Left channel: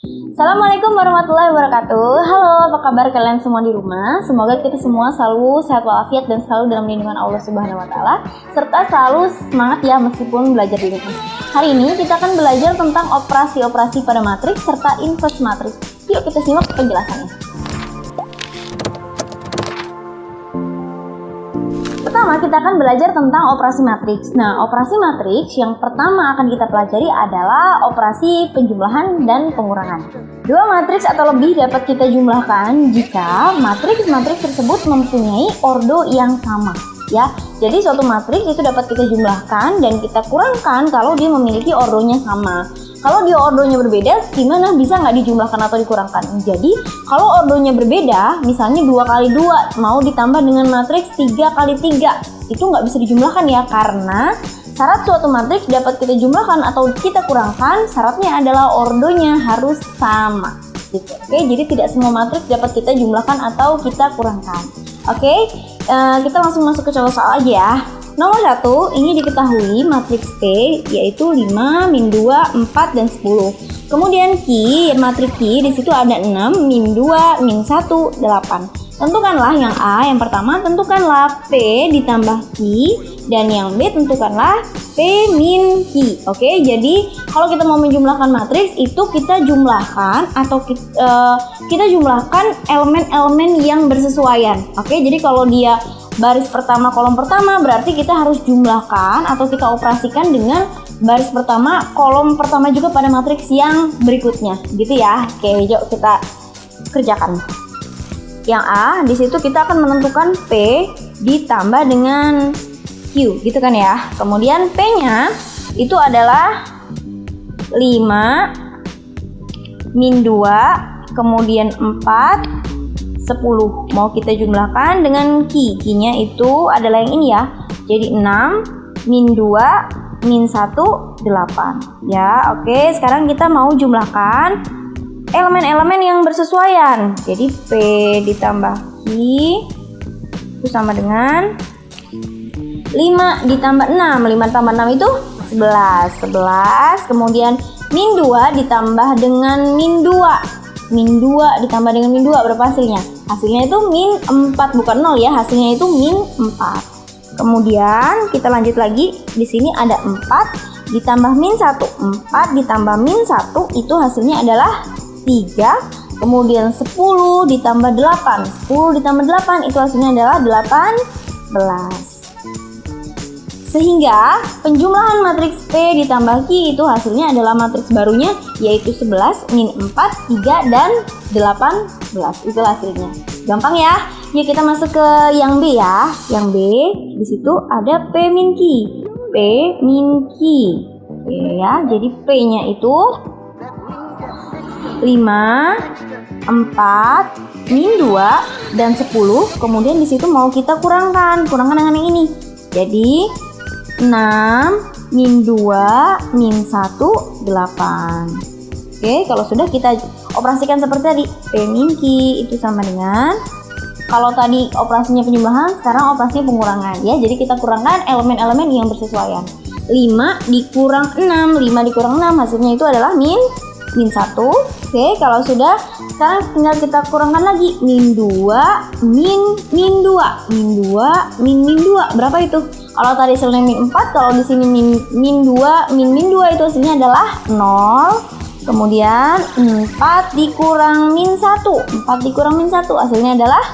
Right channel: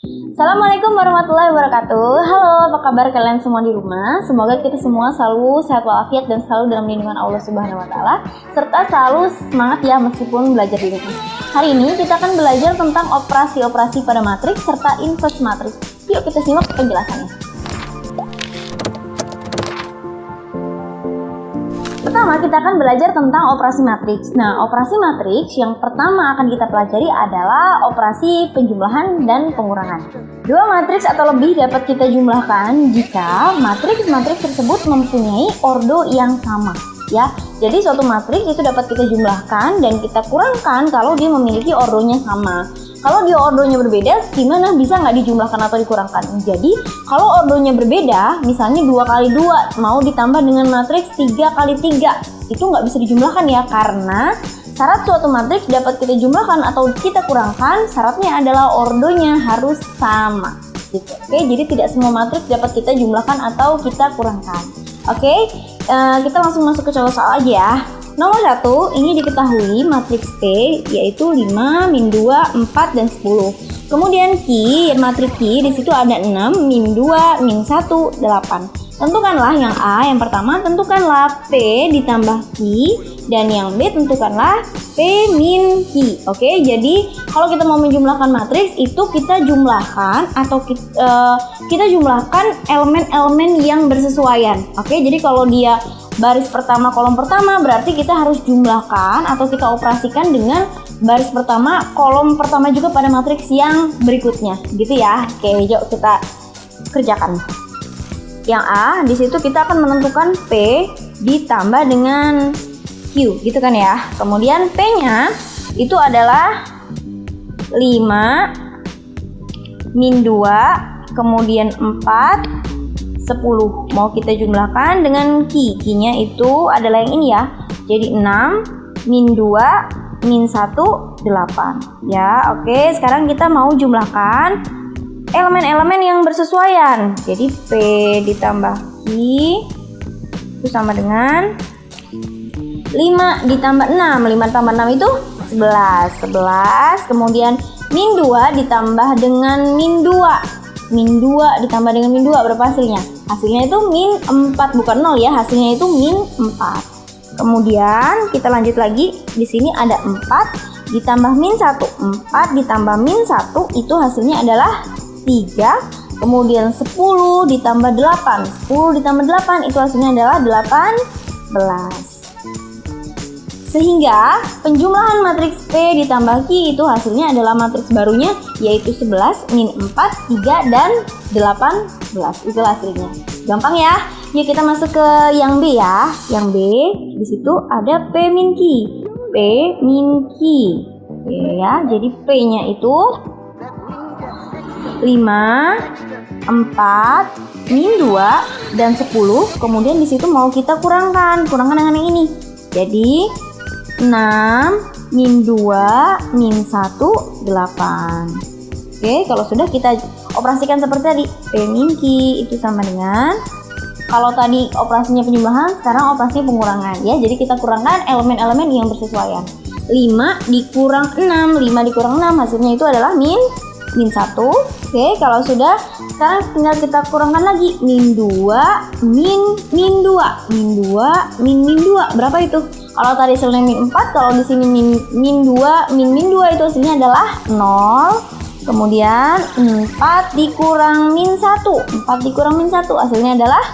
Assalamualaikum warahmatullahi wabarakatuh. Halo, apa kabar kalian semua di rumah? Semoga kita semua selalu sehat walafiat dan selalu dalam lindungan Allah Subhanahu wa taala, serta selalu semangat ya meskipun belajar di rumah. Hari ini kita akan belajar tentang operasi-operasi pada matriks serta inverse matriks. Yuk kita simak penjelasannya. Pertama, kita akan belajar tentang operasi matriks. Nah, operasi matriks yang pertama akan kita pelajari adalah operasi penjumlahan dan pengurangan. Dua matriks atau lebih dapat kita jumlahkan jika matriks-matriks tersebut mempunyai ordo yang sama. Ya, jadi suatu matriks itu dapat kita jumlahkan dan kita kurangkan kalau dia memiliki ordonya sama. Kalau dia ordonya berbeda, gimana bisa nggak dijumlahkan atau dikurangkan? Jadi, kalau ordonya berbeda, misalnya 2 kali 2 mau ditambah dengan matriks 3 kali 3, itu nggak bisa dijumlahkan ya, karena syarat suatu matriks dapat kita jumlahkan atau kita kurangkan, syaratnya adalah ordonya harus sama. Oke, jadi tidak semua matriks dapat kita jumlahkan atau kita kurangkan. Oke, kita langsung masuk ke contoh soal aja ya. Nomor 1, ini diketahui matriks P yaitu 5, min 2, 4, dan 10. Kemudian Q, matriks Q di situ ada 6, min 2, min 1, 8. Tentukanlah yang A, yang pertama tentukanlah P ditambah Q, dan yang B tentukanlah P min Q. Oke, jadi kalau kita mau menjumlahkan matriks itu kita jumlahkan atau kita jumlahkan elemen-elemen yang bersesuaian. Oke, jadi kalau dia baris pertama kolom pertama berarti kita harus jumlahkan atau kita operasikan dengan baris pertama kolom pertama juga pada matriks yang berikutnya gitu ya. Oke, yuk kita kerjakan. Yang A di situ kita akan menentukan P ditambah dengan Q gitu kan ya. Kemudian P-nya itu adalah 5 min 2, kemudian 4, 10. Mau kita jumlahkan dengan Q-nya itu adalah yang ini ya. Jadi 6 min 2 min 1, 8. Ya, oke. Sekarang kita mau jumlahkan elemen-elemen yang bersesuaian. Jadi P ditambah Q itu sama dengan 5 ditambah 6. 5 tambah 6 itu 11. 11. Kemudian min 2 ditambah dengan min 2. Min 2 ditambah dengan min 2 berapa hasilnya? Hasilnya itu min 4, bukan 0 ya, hasilnya itu min 4. Kemudian kita lanjut lagi, di sini ada 4 ditambah min 1. 4 ditambah min 1 itu hasilnya adalah 3. Kemudian 10 ditambah 8. 10 ditambah 8 itu hasilnya adalah 18. Sehingga penjumlahan matriks P ditambah Q itu hasilnya adalah matriks barunya yaitu 11, min 4, 3, dan 18. Itu hasilnya. Gampang ya. Yuk kita masuk ke yang B ya. Yang B di situ ada P min Q. P min Q. Ya, jadi P-nya itu 5, 4, min 2, dan 10. Kemudian di situ mau kita kurangkan dengan yang ini. Jadi 6 min 2 min 1, 8. Oke, kalau sudah kita operasikan seperti tadi, P min Q itu sama dengan, kalau tadi operasinya penjumlahan, sekarang operasi pengurangan ya. Jadi kita kurangkan elemen-elemen yang bersesuaian. 5 dikurang 6, 5 dikurang 6 hasilnya itu adalah min 1. Oke, kalau sudah, sekarang tinggal kita kurangkan lagi min 2 min 2 min 2 berapa itu? Kalau tadi hasilnya min 4, kalau di sini min 2 itu hasilnya adalah 0. Kemudian 4 dikurang min 1. 4 dikurang min 1 hasilnya adalah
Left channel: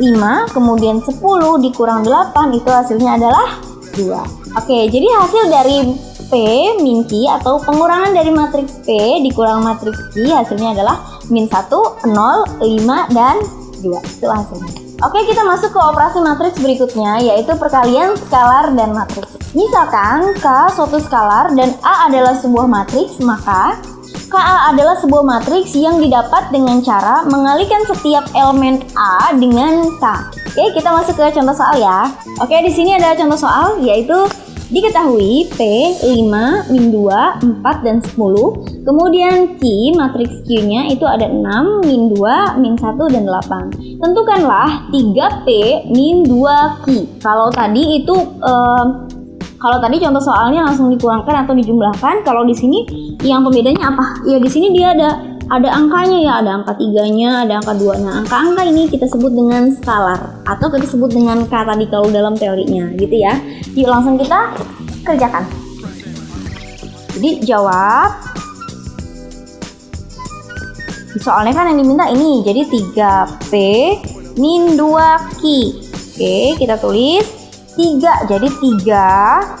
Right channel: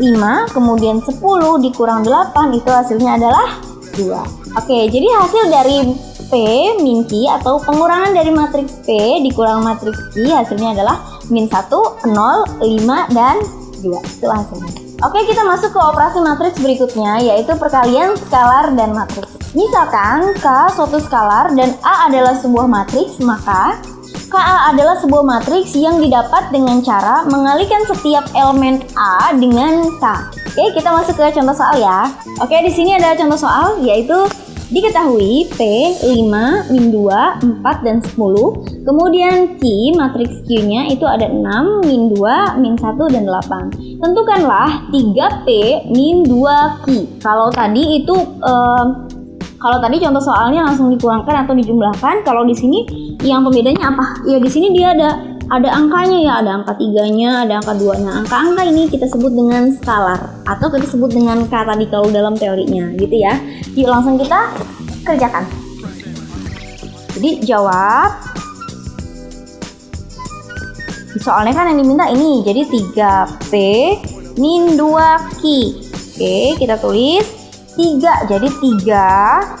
5. Kemudian 10 dikurang 8 itu hasilnya adalah 2. Oke, jadi hasil dari P min Q atau pengurangan dari matriks P dikurang matriks Q hasilnya adalah min 1, 0, 5, dan 2. Itu hasilnya. Oke, kita masuk ke operasi matriks berikutnya yaitu perkalian skalar dan matriks. Misalkan K suatu skalar dan A adalah sebuah matriks, maka KA adalah sebuah matriks yang didapat dengan cara mengalikan setiap elemen A dengan K. Oke, kita masuk ke contoh soal ya. Oke, di sini ada contoh soal yaitu diketahui P 5, min 2, 4, dan 10. Kemudian Q, matriks Q-nya itu ada 6, min 2, min 1, dan 8. Tentukanlah 3P min 2Q. Kalau tadi itu Kalau tadi contoh soalnya langsung dikurangkan atau dijumlahkan, kalau di sini yang pembedanya apa? Ya di sini dia ada ada angkanya ya, ada angka 3-nya, ada angka 2. Nah, angka-angka ini kita sebut dengan skalar atau kita sebut dengan K tadi kalau dalam teorinya gitu ya. Yuk langsung kita kerjakan. Jadi jawab. Soalnya kan yang diminta ini, jadi 3P min 2Q. Oke, kita tulis 3, jadi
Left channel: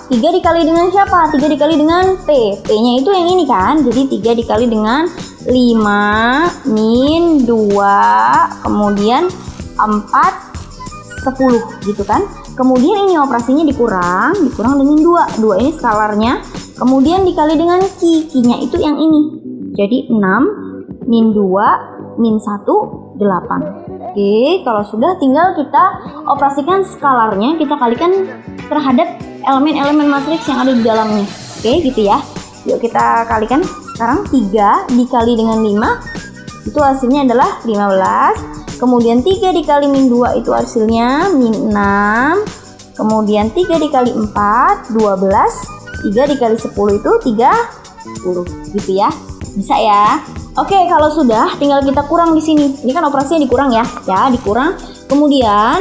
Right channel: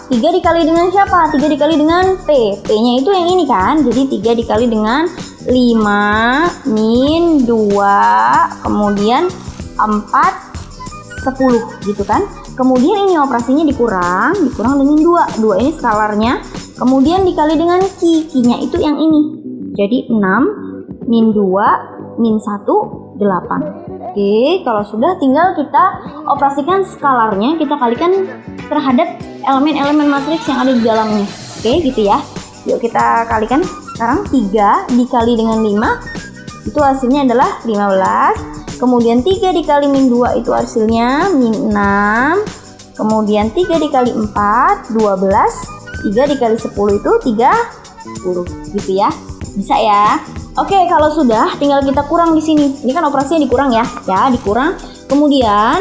3 dikali dengan siapa? 3 dikali dengan P. P-nya itu yang ini kan, jadi 3 dikali dengan 5 min 2, kemudian 4, 10 gitu kan. Kemudian ini operasinya dikurang dengan 2 ini skalarnya, kemudian dikali dengan Q-nya itu yang ini, jadi 6 min 2 min 1, 8. Oke, kalau sudah tinggal kita operasikan skalarnya, kita kalikan terhadap elemen-elemen matriks yang ada di dalamnya. Oke, gitu ya. Yuk kita kalikan sekarang 3 dikali dengan 5 itu hasilnya adalah 15. Kemudian 3 dikali min 2 itu hasilnya min 6. Kemudian 3 dikali 4 12. 3 dikali 10 itu 30 gitu ya. Bisa ya. Oke, kalau sudah tinggal kita kurang di sini. Ini kan operasinya dikurang ya. Ya, dikurang. Kemudian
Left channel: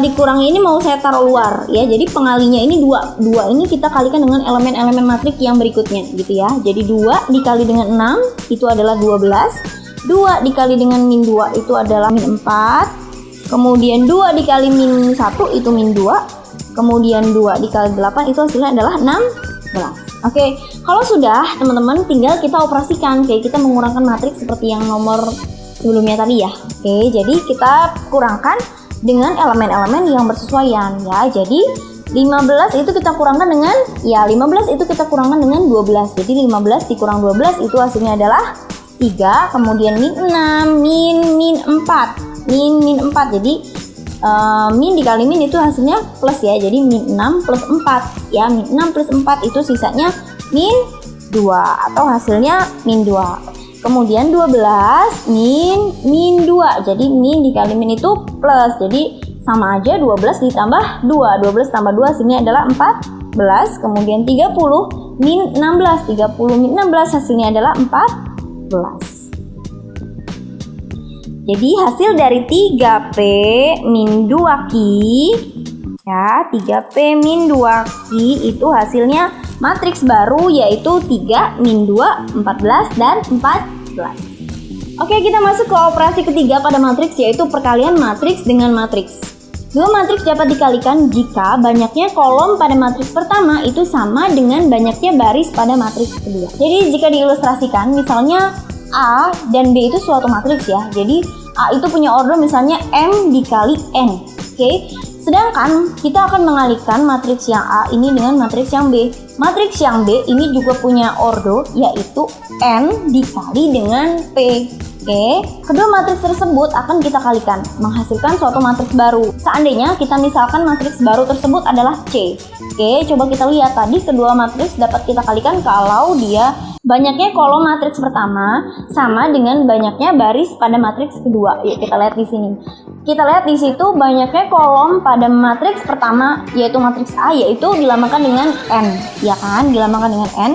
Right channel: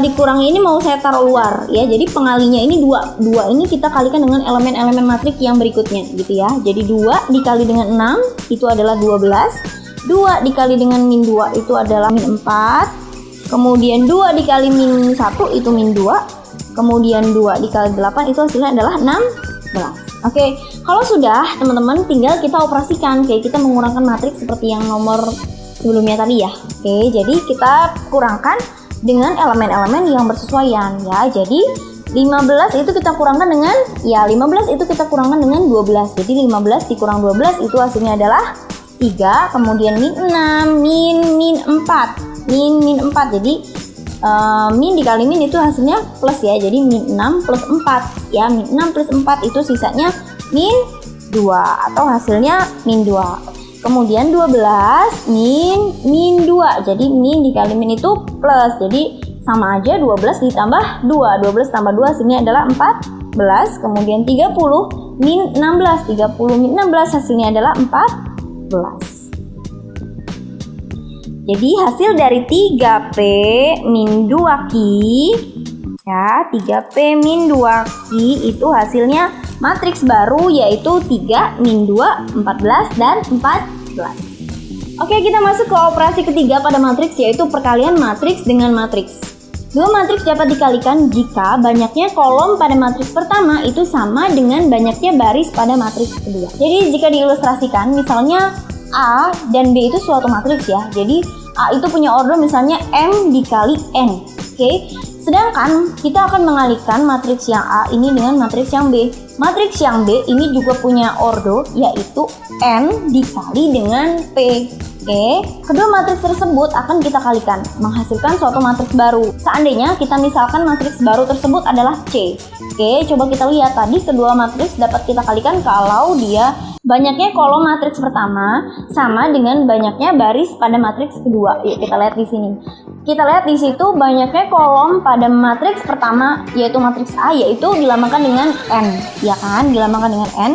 dikurangnya ini mau saya taruh luar ya. Jadi pengalinya ini 2 ini kita kalikan dengan elemen-elemen matriks yang berikutnya gitu ya. Jadi 2 dikali dengan 6 itu adalah 12. 2 dikali dengan min 2 itu adalah min 4. Kemudian 2 dikali min 1 itu min 2. Kemudian 2 dikali 8 itu hasilnya adalah 16. Oke, kalau sudah teman-teman tinggal kita operasikan, kayak kita mengurangkan matriks seperti yang nomor sebelumnya tadi ya. Oke, jadi kita kurangkan dengan elemen-elemen yang bersesuaian ya. Jadi 15 itu kita kurangkan dengan 15 itu kita kurangkan dengan 12. Jadi 15 dikurang 12 itu hasilnya adalah 3, kemudian min 6 min 4. Jadi min dikali min itu hasilnya plus ya, jadi min 6 plus 4 ya, min 6 plus 4 itu sisanya min 2 atau hasilnya min 2. Kemudian 12 min 2, jadi min dikali min itu plus, jadi sama aja 12 ditambah 2, 12 tambah 2 hasilnya adalah 14. Kemudian 30 min 16, 30 min 16 hasilnya adalah 14. Jadi hasil dari 3P min 2Q ya, 3P min 2Q itu hasilnya matriks baru yaitu 3 min 2, 14 dan 14. Oke, kita masuk ke operasi ketiga pada matriks yaitu perkalian matriks dengan matriks. Dua matriks dapat dikalikan jika banyaknya kolom pada matriks pertama itu sama dengan banyaknya baris pada matriks kedua. Jadi jika diilustrasikan misalnya A dan B itu suatu matriks ya. Jadi A itu punya ordo misalnya M dikali N. Oke. Sedangkan kita akan mengalihkan matriks yang A ini dengan matriks yang B. Matriks yang B ini juga punya ordo yaitu N dikali dengan P. Oke. Kedua matriks tersebut akan kita kalikan menghasilkan suatu matriks baru. Seandainya kita misalkan matriks baru tersebut adalah C. Oke, coba kita lihat tadi kedua matriks dapat kita kalikan kalau dia banyaknya kolom matriks pertama sama dengan banyaknya baris pada matriks kedua. Yuk kita lihat di sini. Kita lihat di situ banyaknya kolom pada matriks pertama yaitu matriks A yaitu dilambangkan dengan N, ya kan? Dilambangkan dengan N.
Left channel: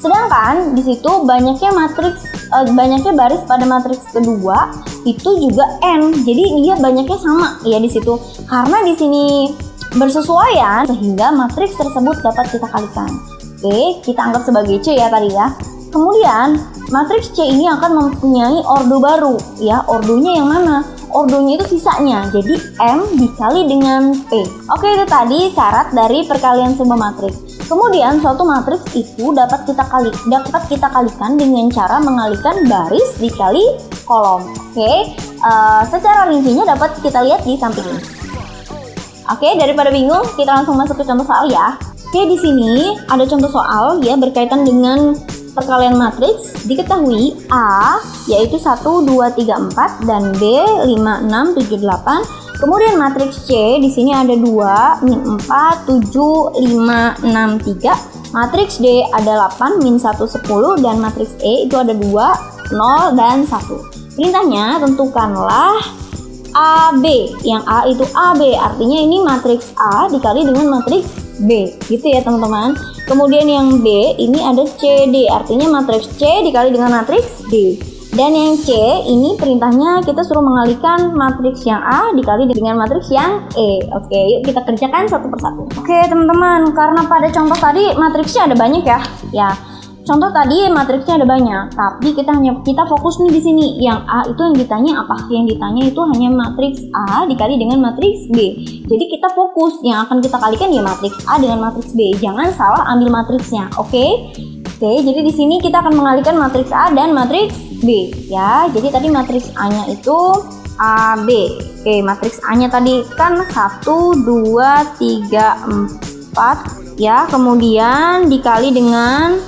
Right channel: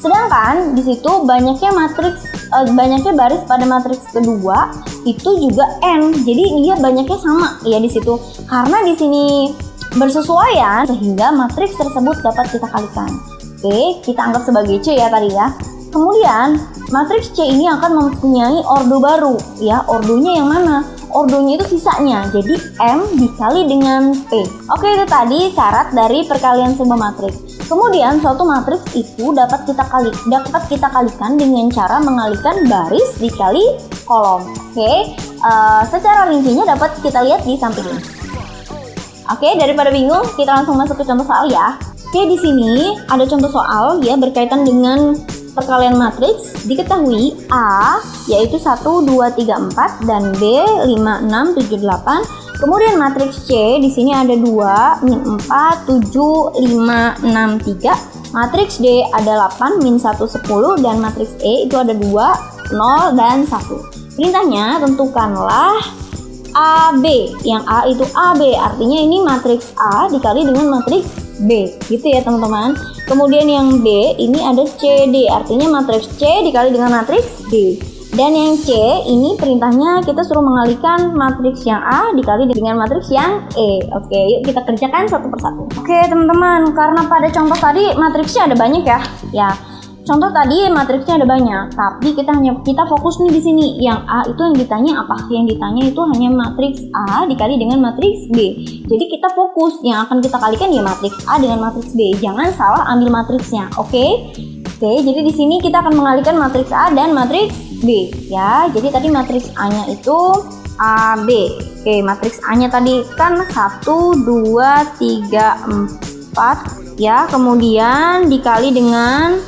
Sedangkan di situ banyaknya baris pada matriks kedua itu juga N. Jadi dia banyaknya sama ya di situ. Karena di sini bersesuaian sehingga matriks tersebut dapat kita kalikan. Oke, kita anggap sebagai C ya tadi ya. Kemudian matriks C ini akan mempunyai ordo baru ya. Ordonya yang mana? Ordonya itu sisanya. Jadi M dikali dengan P. Oke, itu tadi syarat dari perkalian sebuah matriks. Kemudian suatu matriks itu dapat kita kalikan dengan cara mengalihkan baris dikali kolom. Oke, secara rincinya dapat kita lihat di samping ini. Oke, daripada bingung, kita langsung masuk ke contoh soal ya. Oke, di sini ada contoh soal ya berkaitan dengan perkalian matriks. Diketahui A yaitu 1, 2, 3, 4 dan B 5, 6, 7, 8. Kemudian matriks C di sini ada 2, min 4, 7, 5, 6, 3. Matriks D ada 8, min 1, 10 dan matriks E itu ada 2, 0 dan 1. Perintahnya tentukanlah AB, yang A itu AB, artinya ini matriks A dikali dengan matriks B, gitu ya teman-teman. Kemudian yang B ini ada CD, artinya matriks C dikali dengan matriks D. Dan yang C ini perintahnya kita suruh mengalihkan matriks yang A dikali dengan matriks yang E. Oke, yuk kita kerjakan satu persatu. Oke teman-teman, karena pada contoh tadi matriksnya ada banyak ya. Contoh tadi matriksnya ada banyak, tapi kita fokus nih di sini. Yang A itu yang ditanya apa? Yang ditanya itu hanya matriks A dikali dengan matriks B. Jadi kita fokus yang akan kita kalikan ya matriks A dengan matriks B. Jangan salah ambil matriksnya, oke? Oke, jadi di sini kita akan mengalihkan matriks A dan matriks B ya. Jadi tadi matriks A-nya itu AB. Oke, matriks A-nya tadi kan 1 2 3 4 ya. Kemudian dikali dengan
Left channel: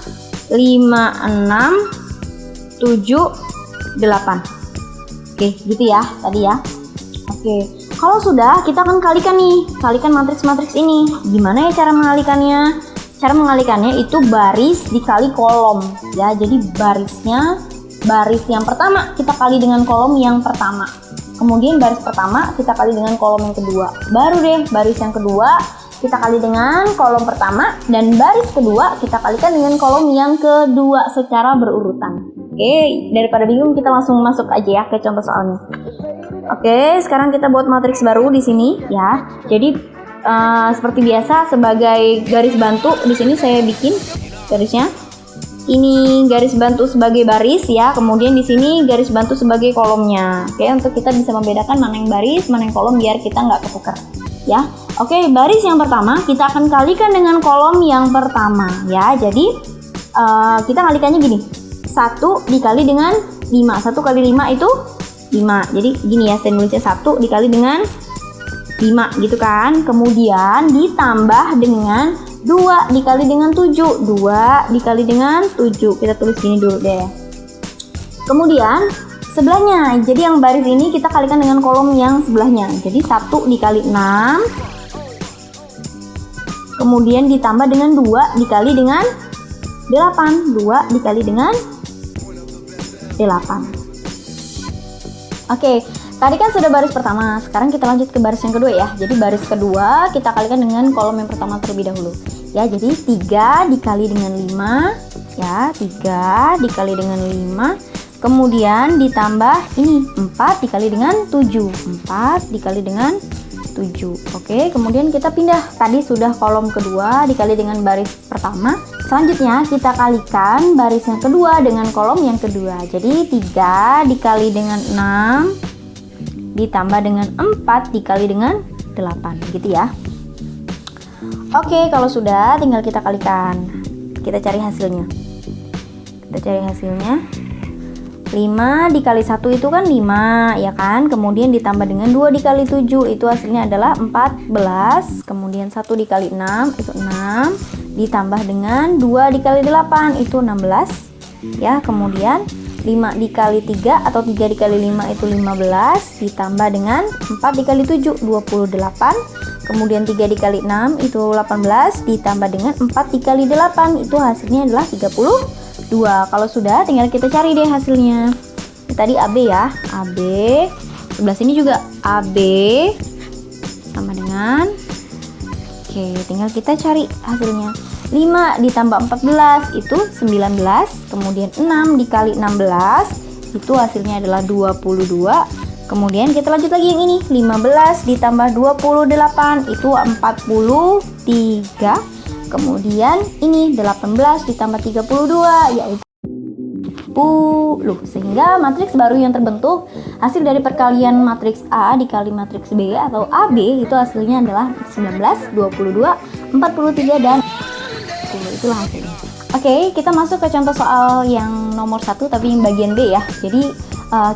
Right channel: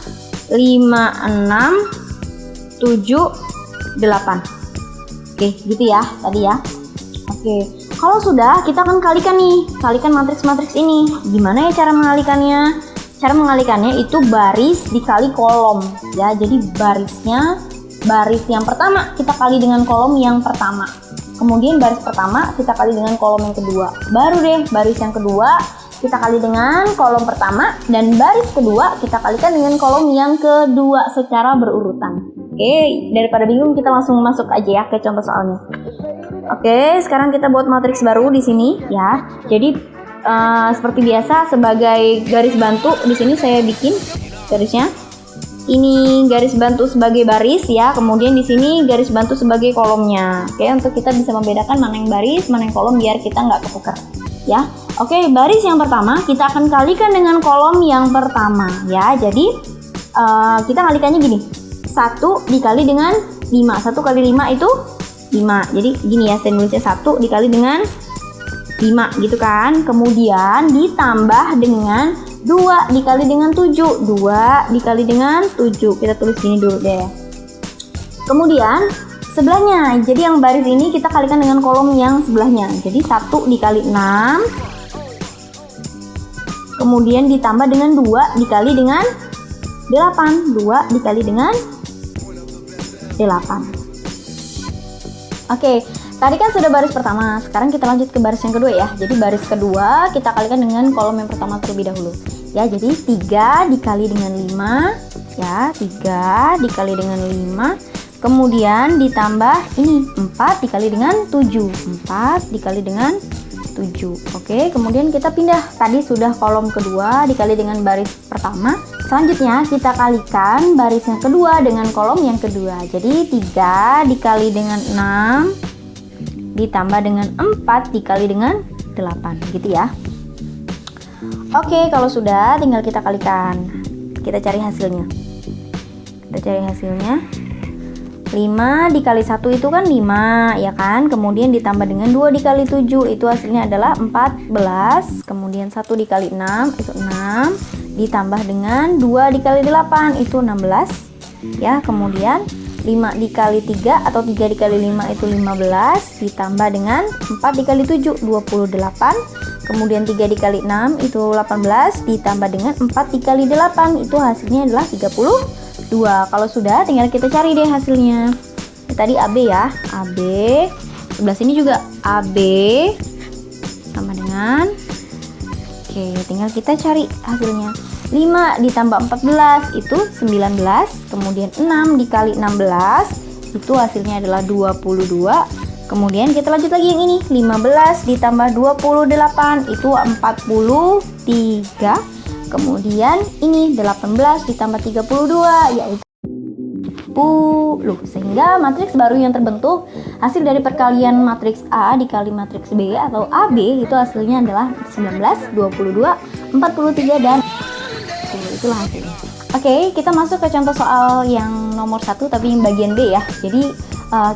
5 6 7 8. Oke, gitu ya tadi ya. Oke, kalau sudah kita akan kalikan matriks-matriks ini. Gimana ya cara mengalihkannya? Cara mengalihkannya itu baris dikali kolom ya. Jadi baris yang pertama kita kali dengan kolom yang pertama. Kemudian baris pertama kita kali dengan kolom yang kedua. Baru deh baris yang kedua kita kali dengan kolom pertama, dan baris kedua kita kalikan dengan kolom yang kedua secara berurutan. Oke, daripada bingung kita langsung masuk aja ya ke contoh soalnya. Oke, sekarang kita buat matriks baru di sini ya. Jadi seperti biasa sebagai garis bantu di sini saya bikin garisnya. Ini garis bantu sebagai baris ya. Kemudian di sini garis bantu sebagai kolomnya. Oke, untuk kita bisa membedakan mana yang baris, mana yang kolom biar kita nggak ketukar ya. Oke, baris yang pertama kita akan kalikan dengan kolom yang pertama ya. Jadi kita kalikannya gini, 1 dikali dengan 5. 1 kali 5 itu 5. Jadi gini ya, saya nulisnya 1 dikali dengan 5 gitu kan. Kemudian ditambah dengan 2 dikali dengan 7. 2 dikali dengan 7. Kita tulis gini dulu deh. Kemudian sebelahnya, jadi yang baris ini kita kalikan dengan kolom yang sebelahnya. Jadi 1 dikali 6. Kemudian ditambah dengan 2 dikali dengan 8. 2 dikali dengan 8. Oke, tadi kan sudah baris pertama. Sekarang kita lanjut ke baris yang kedua ya. Jadi baris kedua kita kalikan dengan kolom yang pertama terlebih dahulu. Ya, jadi 3 dikali dengan 5 ya. 3 dikali dengan 5. Kemudian ditambah ini 4 dikali dengan 7. 4 dikali dengan 7. Oke, kemudian kita pindah. Tadi sudah kolom kedua dikali dengan baris pertama. Selanjutnya kita kalikan baris yang kedua dengan kolom yang kedua. Jadi 3 dikali dengan 6 ditambah dengan 4 dikali dengan 8 gitu ya. Oke, kalau sudah tinggal kita kalikan. Kita cari hasilnya. 5 dikali 1 itu kan 5 ya kan. Kemudian ditambah dengan 2 dikali 7 itu hasilnya adalah 14. Kemudian 1 dikali 6 itu 6. Ditambah dengan 2 dikali 8 itu 16 ya. Kemudian 5 dikali 3 atau 3 dikali 5 itu 15. Ditambah dengan 4 dikali 7 28. Kemudian 3 dikali 6 itu 18. Ditambah dengan 4 dikali 8 itu hasilnya adalah 32. Kalau sudah tinggal kita cari deh hasilnya. Tadi AB ya, AB. Sebelah sini juga AB sama dengan, oke, tinggal kita cari hasilnya. 5 ditambah 14 itu 19. Kemudian 6 dikali 16 itu hasilnya adalah 22. Kemudian kita lanjut lagi yang ini, 15 ditambah 28 itu 43. Kemudian ini 18 ditambah 32 yaitu 10. Sehingga matriks baru yang terbentuk hasil dari perkalian matriks A dikali matriks B atau AB itu hasilnya adalah 19, 22, 43 dan itulah hasilnya. Oke, kita masuk ke contoh soal yang nomor 1 tapi yang bagian B ya. Jadi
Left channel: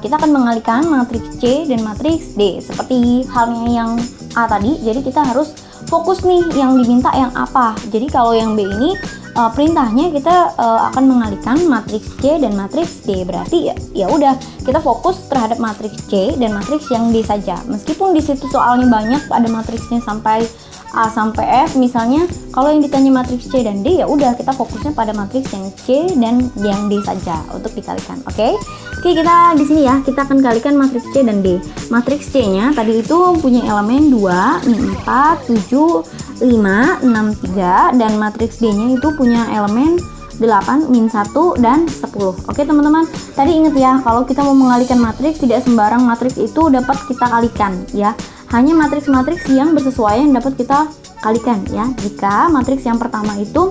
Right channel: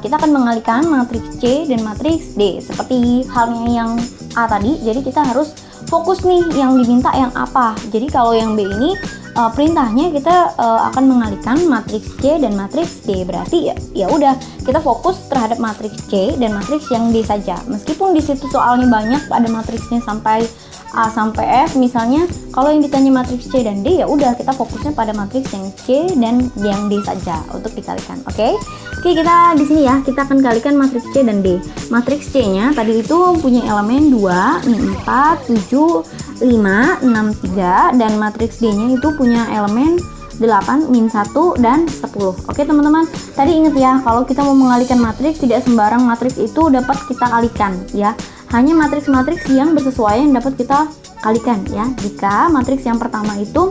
kita akan mengalihkan matriks C dan matriks D seperti halnya yang A tadi. Jadi kita harus fokus nih yang diminta yang apa. Jadi kalau yang B ini perintahnya kita akan mengalihkan matriks C dan matriks D. Berarti ya udah kita fokus terhadap matriks C dan matriks yang D saja. Meskipun di situ soalnya banyak ada matriksnya sampai A sampai F misalnya, kalau yang ditanya matriks C dan D ya udah kita fokusnya pada matriks yang C dan yang D saja untuk dikalikan. Oke. Oke, kita di sini ya, kita akan kalikan matriks C dan D. Matriks C-nya tadi itu punya elemen 2, 4, 7, 5, 6, 3, dan matriks D-nya itu punya elemen 8, min 1, dan 10. Oke teman-teman, tadi ingat ya, kalau kita mau mengalihkan matriks, tidak sembarang matriks itu dapat kita kalikan ya. Hanya matriks-matriks yang bersesuaian dapat kita kalikan ya. Jika matriks yang pertama itu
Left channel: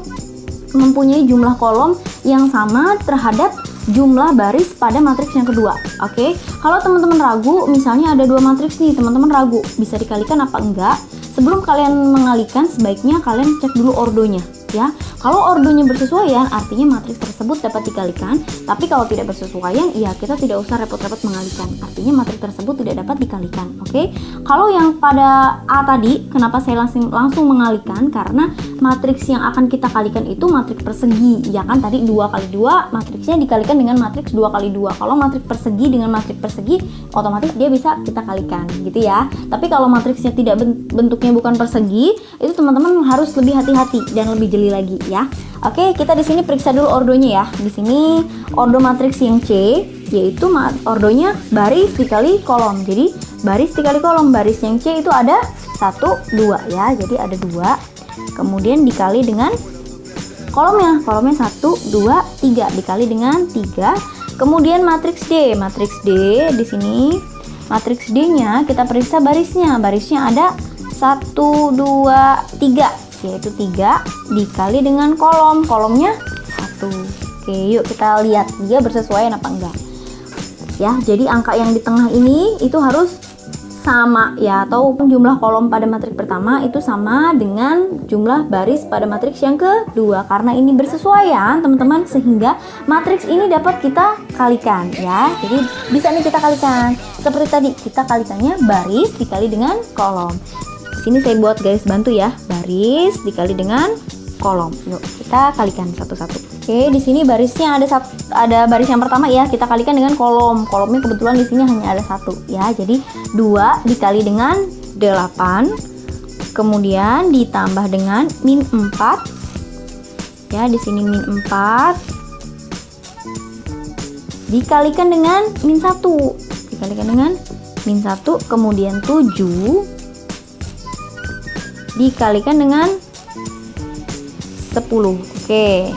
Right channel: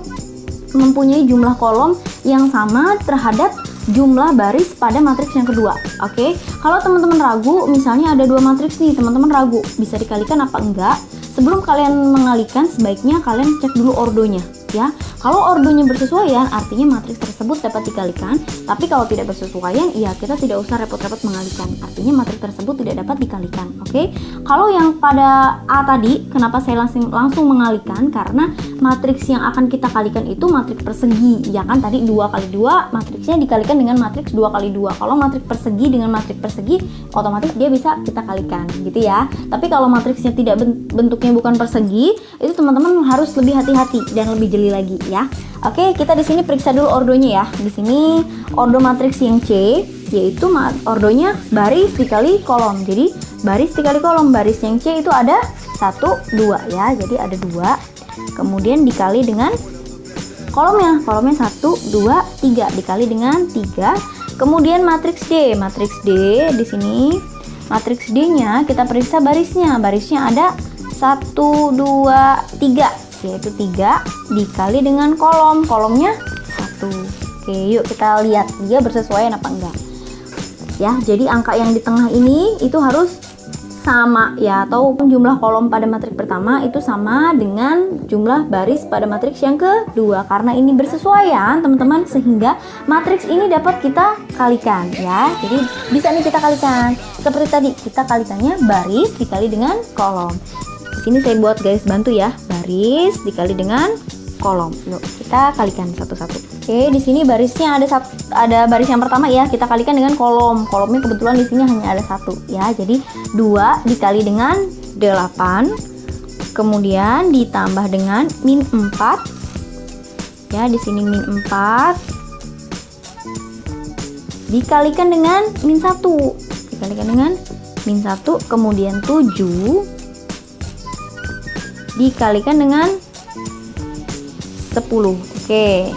mempunyai jumlah kolom yang sama terhadap jumlah baris pada matriks yang kedua. Oke, kalau teman-teman ragu, misalnya ada 2 matriks nih, teman-teman ragu bisa dikalikan apa enggak, sebelum kalian mengalihkan sebaiknya kalian cek dulu ordonya ya. Kalau ordonya bersesuaian, artinya matriks tersebut dapat dikalikan. Tapi kalau tidak bersesuaian, ya kita tidak usah repot-repot mengalihkan, artinya matriks tersebut tidak dapat dikalikan. Oke, kalau yang pada A tadi, kenapa saya langsung mengalihkan? Karena matriks yang akan kita kalikan itu matriks persegi, ya kan? Tadi 2 kali 2, matriksnya dikalikan dengan matriks 2 kali 2. Kalau matriks persegi dengan matriks persegi, otomatis dia bisa kita kalikan, gitu ya. Tapi kalau matriksnya tidak bentuknya bukan persegi, itu teman-teman harus lebih hati-hati dan lebih jeli lagi ya. Oke, kita di sini periksa dulu ordonya ya. Di sini ordo matriks yang C, yaitu ordonya baris dikali kolom. Jadi baris dikali kolom, baris yang C itu ada 1, 2 ya. Jadi ada 2. Kemudian dikali dengan kolomnya 1, 2, 3 dikali dengan 3. Kemudian matriks D, di sini matriks D-nya kita periksa barisnya. Barisnya ada 1, 2, 3, yaitu 3 dikali dengan kolomnya 1. Oke, yuk kita lihat dia bersesuaian apa enggak. Ya, jadi angka yang di tengah ini itu harus sama ya, atau jumlah kolom pada matriks pertama itu sama dengan jumlah baris pada matriks yang kedua. Karena ini bersesuaian teman-teman, sehingga matriks ini dapat kita kalikan ya. Jadi bisa nih kita kalikan seperti tadi, kita kalikannya baris dikali dengan kolom. Di sini saya buat garis bantu ya, baris dikali dengan kolom. Yuk kita kalikan satu-satu. Oke, di sini barisnya ada baris yang pertama ya, kita kalikan dengan kolom. Kolomnya kebetulan di sini hanya ada 1 ya. Jadi 2 dikali dengan 8, kemudian ditambah dengan min 4. Ya, di sini min 4 dikalikan dengan min 1. Dikalikan dengan min 1, kemudian 7 dikalikan dengan 10. Oke.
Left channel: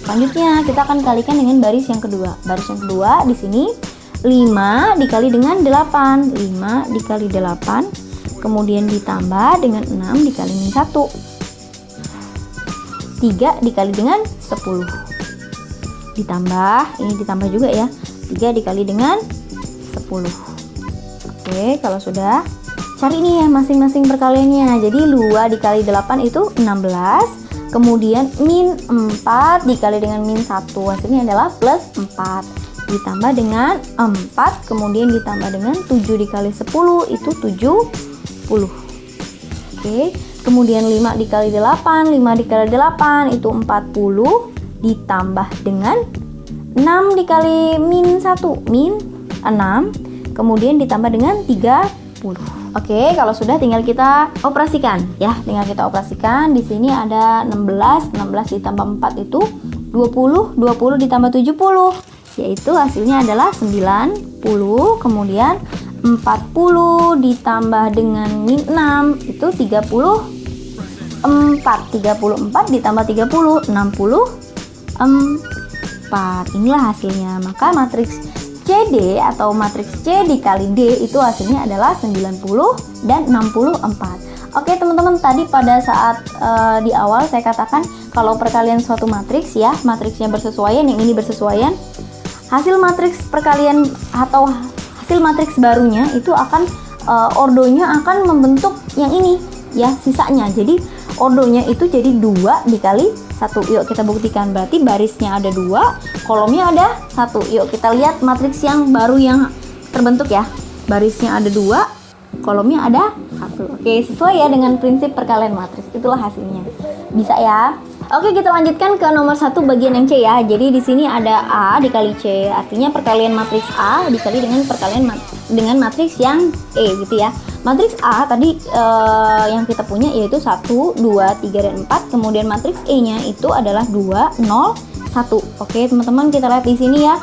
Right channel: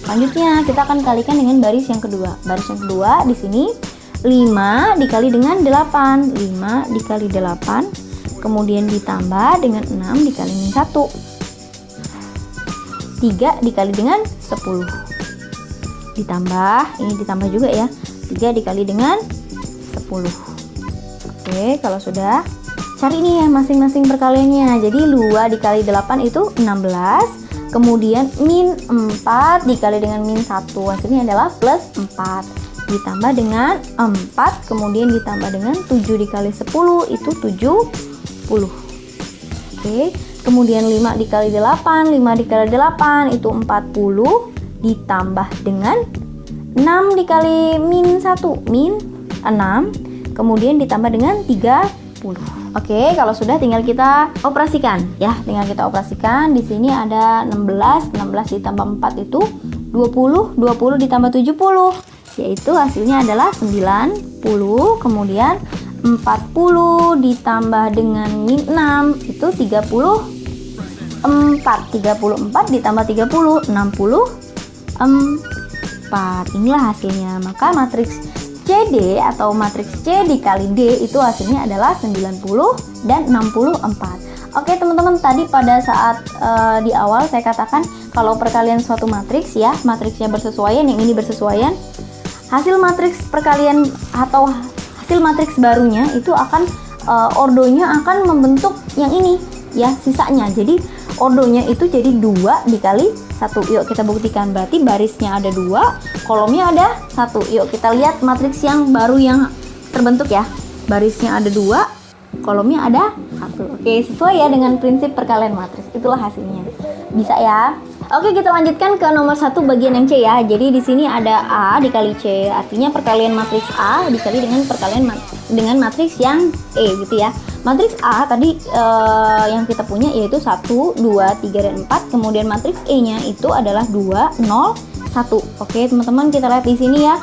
Selanjutnya kita akan kalikan dengan baris yang kedua. Baris yang kedua di sini 5 dikali dengan 8. 5 dikali 8, kemudian ditambah dengan 6 dikali min 1. 3 dikali dengan 10. Ditambah, ini ditambah juga ya. 3 dikali dengan 10. Oke, kalau sudah, cari nih ya masing-masing perkaliannya. Jadi 2 dikali 8 itu 16. Kemudian min 4 dikali dengan min 1, hasilnya adalah plus 4. Ditambah dengan 4, kemudian ditambah dengan 7 dikali 10 itu 70. Oke, kemudian 5 dikali 8, 5 dikali 8 itu 40. Ditambah dengan 6 dikali min 1, min 6. Kemudian ditambah dengan 30. Oke, kalau sudah tinggal kita operasikan ya, tinggal kita operasikan. Di sini ada 16 ditambah 4 itu 20, 20 ditambah 70, yaitu hasilnya adalah 90. Kemudian 40 ditambah dengan min 6 itu 34, 34 ditambah 30, 64. Inilah hasilnya. Maka matriks CD atau matriks C dikali D itu hasilnya adalah 90 dan 64. Oke teman-teman, tadi pada saat di awal saya katakan kalau perkalian suatu matriks ya, matriksnya bersesuaian, yang ini bersesuaian, hasil matriks perkalian atau hasil matriks barunya itu akan ordonya akan membentuk yang ini ya, sisanya. Jadi ordonya itu jadi 2 dikali 1. Yuk kita buktikan. Berarti barisnya ada 2, kolomnya ada 1. Yuk kita lihat matriks yang baru yang terbentuk ya. Barisnya ada 2, kolomnya ada 1. Oke, sesuai ya dengan prinsip perkalian matriks. Itulah hasilnya. Bisa ya. Oke, kita lanjutkan ke nomor 1 bagian yang C ya. Jadi di sini ada A dikali C, artinya perkalian matriks A dikali dengan perkalian dengan matriks yang E gitu ya. Matriks A tadi yang kita punya yaitu 1, 2, 3, dan 4. Kemudian matriks E-nya itu adalah 2, 0, 1. Oke teman-teman, kita lihat di sini ya.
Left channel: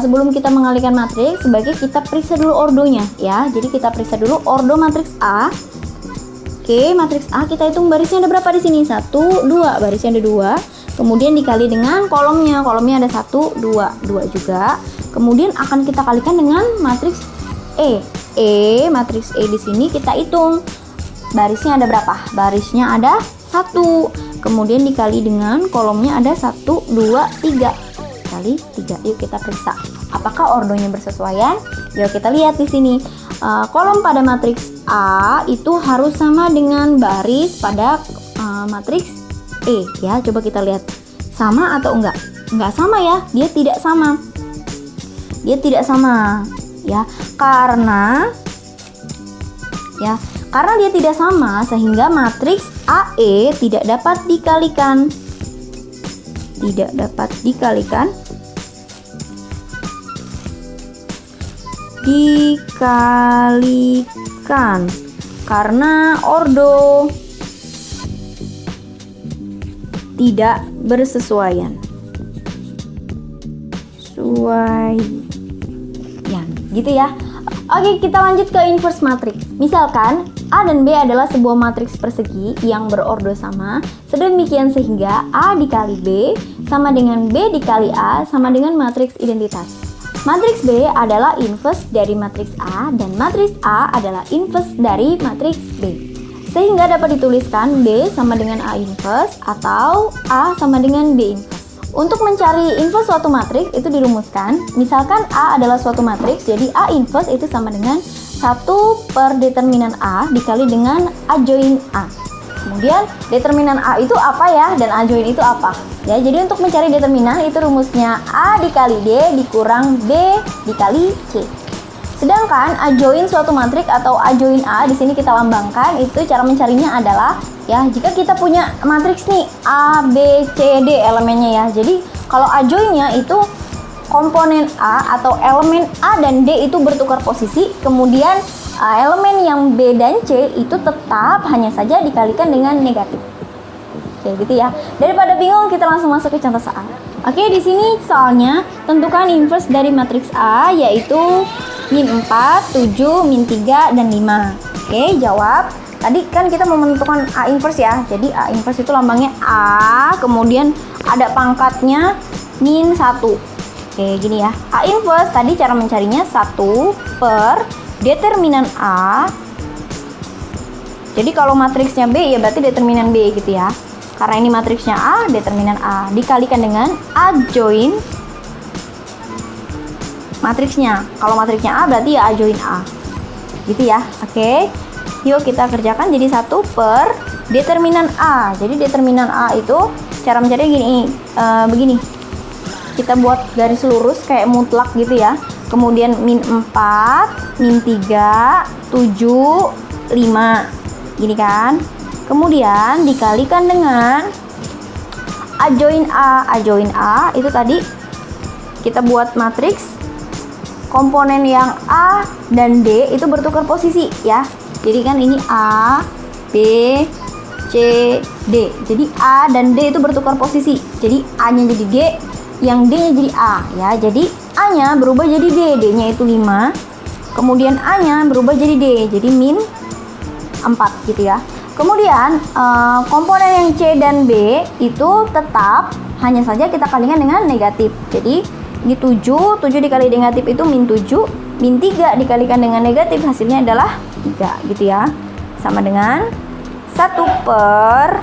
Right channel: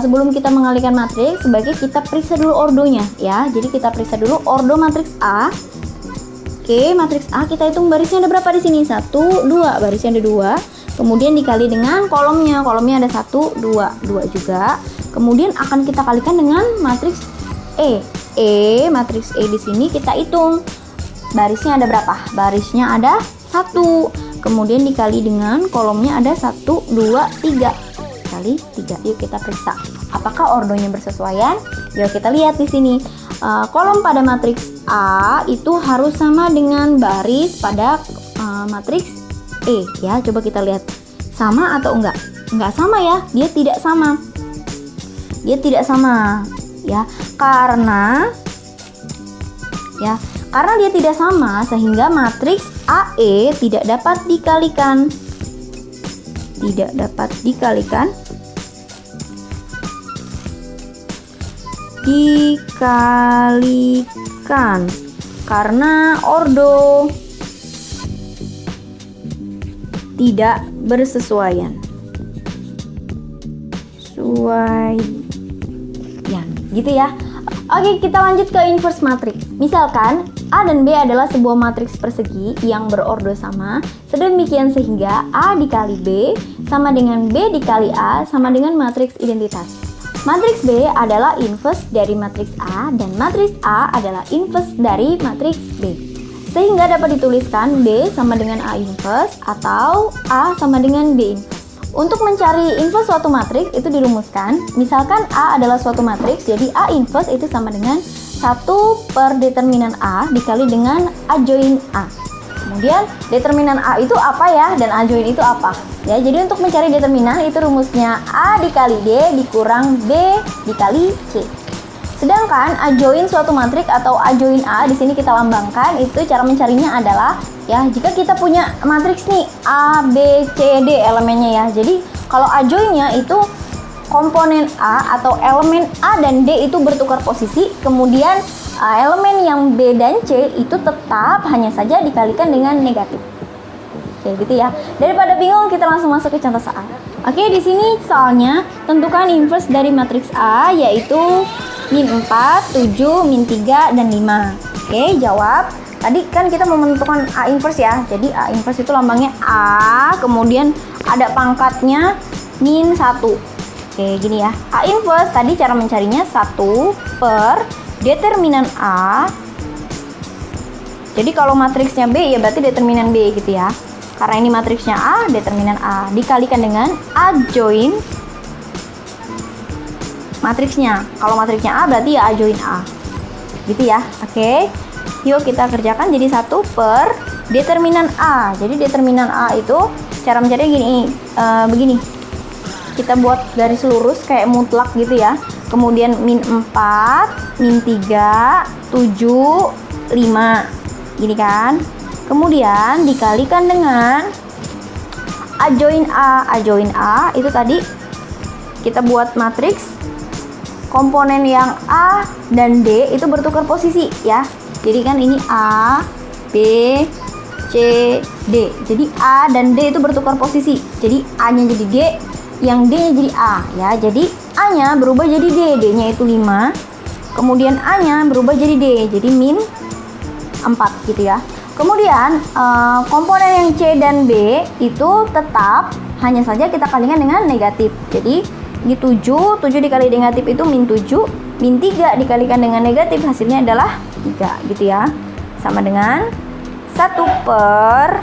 sebelum kita mengalihkan matriks, sebaiknya kita periksa dulu ordonya ya. Jadi kita periksa dulu ordo matriks A. Oke, matriks A kita hitung barisnya ada berapa di sini? 1, 2, barisnya ada 2. Kemudian dikali dengan kolomnya. Kolomnya ada 1, 2, 2 juga. Kemudian akan kita kalikan dengan matriks E. Matriks E di sini kita hitung. Barisnya ada berapa? Barisnya ada 1. Kemudian dikali dengan kolomnya ada 1, 2, 3. Kali 3. Yuk kita periksa apakah ordonya bersesuaian. Yuk kita lihat di sini. Kolom pada matriks A itu harus sama dengan baris pada matriks E ya. Coba kita lihat sama atau enggak. Enggak sama ya, dia tidak sama. Dia tidak sama ya, karena dia tidak sama sehingga matriks AE tidak dapat dikalikan. Tidak dapat dikalikan. Karena ordo tidak bersesuaian. Gitu ya. Oke, kita lanjut ke inverse matrix. Misalkan A dan B adalah sebuah matriks persegi yang berordo sama, sedemikian sehingga A dikali B sama dengan B dikali A sama dengan matriks identitas. Matriks B adalah inverse dari matriks A dan matriks A adalah inverse dari matriks B. Sehingga dapat dituliskan B sama dengan A inverse atau A sama dengan B inverse. Untuk mencari inverse suatu matriks itu dirumuskan. Misalkan A adalah suatu matriks, jadi A inverse itu sama dengan 1 per determinan A dikali dengan adjoin A. Kemudian determinan A itu apa ya, dan adjoin itu apa? Ya, jadi untuk mencari determinan itu rumusnya A dikali D dikurang D dikali C. Sedangkan adjoin suatu matriks atau adjoin A di sini kita lambangkan, itu cara mencarinya adalah ya, jika kita punya matriks nih A, B, C, D elemennya ya. Jadi kalau adjoinnya itu komponen A atau elemen A dan D itu bertukar posisi, kemudian elemen yang B dan C itu tetap hanya saja dikalikan dengan negatif. Kayak gitu ya. Daripada bingung, kita langsung masuk ke contoh soal. Oke, di sini soalnya tentukan inverse dari matriks A yaitu min 4, 7, min 3 dan 5. Oke, jawab. Tadi kan kita mau menentukan A inverse ya. Jadi A inverse itu lambangnya A, kemudian ada pangkatnya min 1. Oke, gini ya. A inverse tadi cara mencarinya 1 per determinan A. Jadi kalau matriksnya B ya berarti determinan B gitu ya. Karena ini matriksnya A, determinan A dikalikan dengan adjoin matriksnya. Kalau matriksnya A berarti ya adjoin A. Gitu ya. Oke. Yuk kita kerjakan jadi 1 per determinan A. Jadi determinan A itu cara mencarinya gini, begini. Kita buat garis lurus kayak mutlak gitu ya. Kemudian min 4, min 3, 7, 5. Gini kan. Kemudian dikalikan dengan adjoin A. Adjoin A itu tadi kita buat matriks komponen yang A dan D itu bertukar posisi ya. Jadi kan ini A, B, C, D. Jadi A dan D itu bertukar posisi. Jadi A-nya jadi G, yang D-nya jadi A ya. Jadi A-nya berubah jadi D, D-nya itu 5. Kemudian A-nya berubah jadi D, jadi min 4 gitu ya. Kemudian komponen yang C dan B itu tetap hanya saja kita kalikan dengan negatif. Jadi di 7 dikali negatif itu min 7, min 3 dikalikan dengan negatif hasilnya adalah 3 gitu ya. Sama dengan 1 per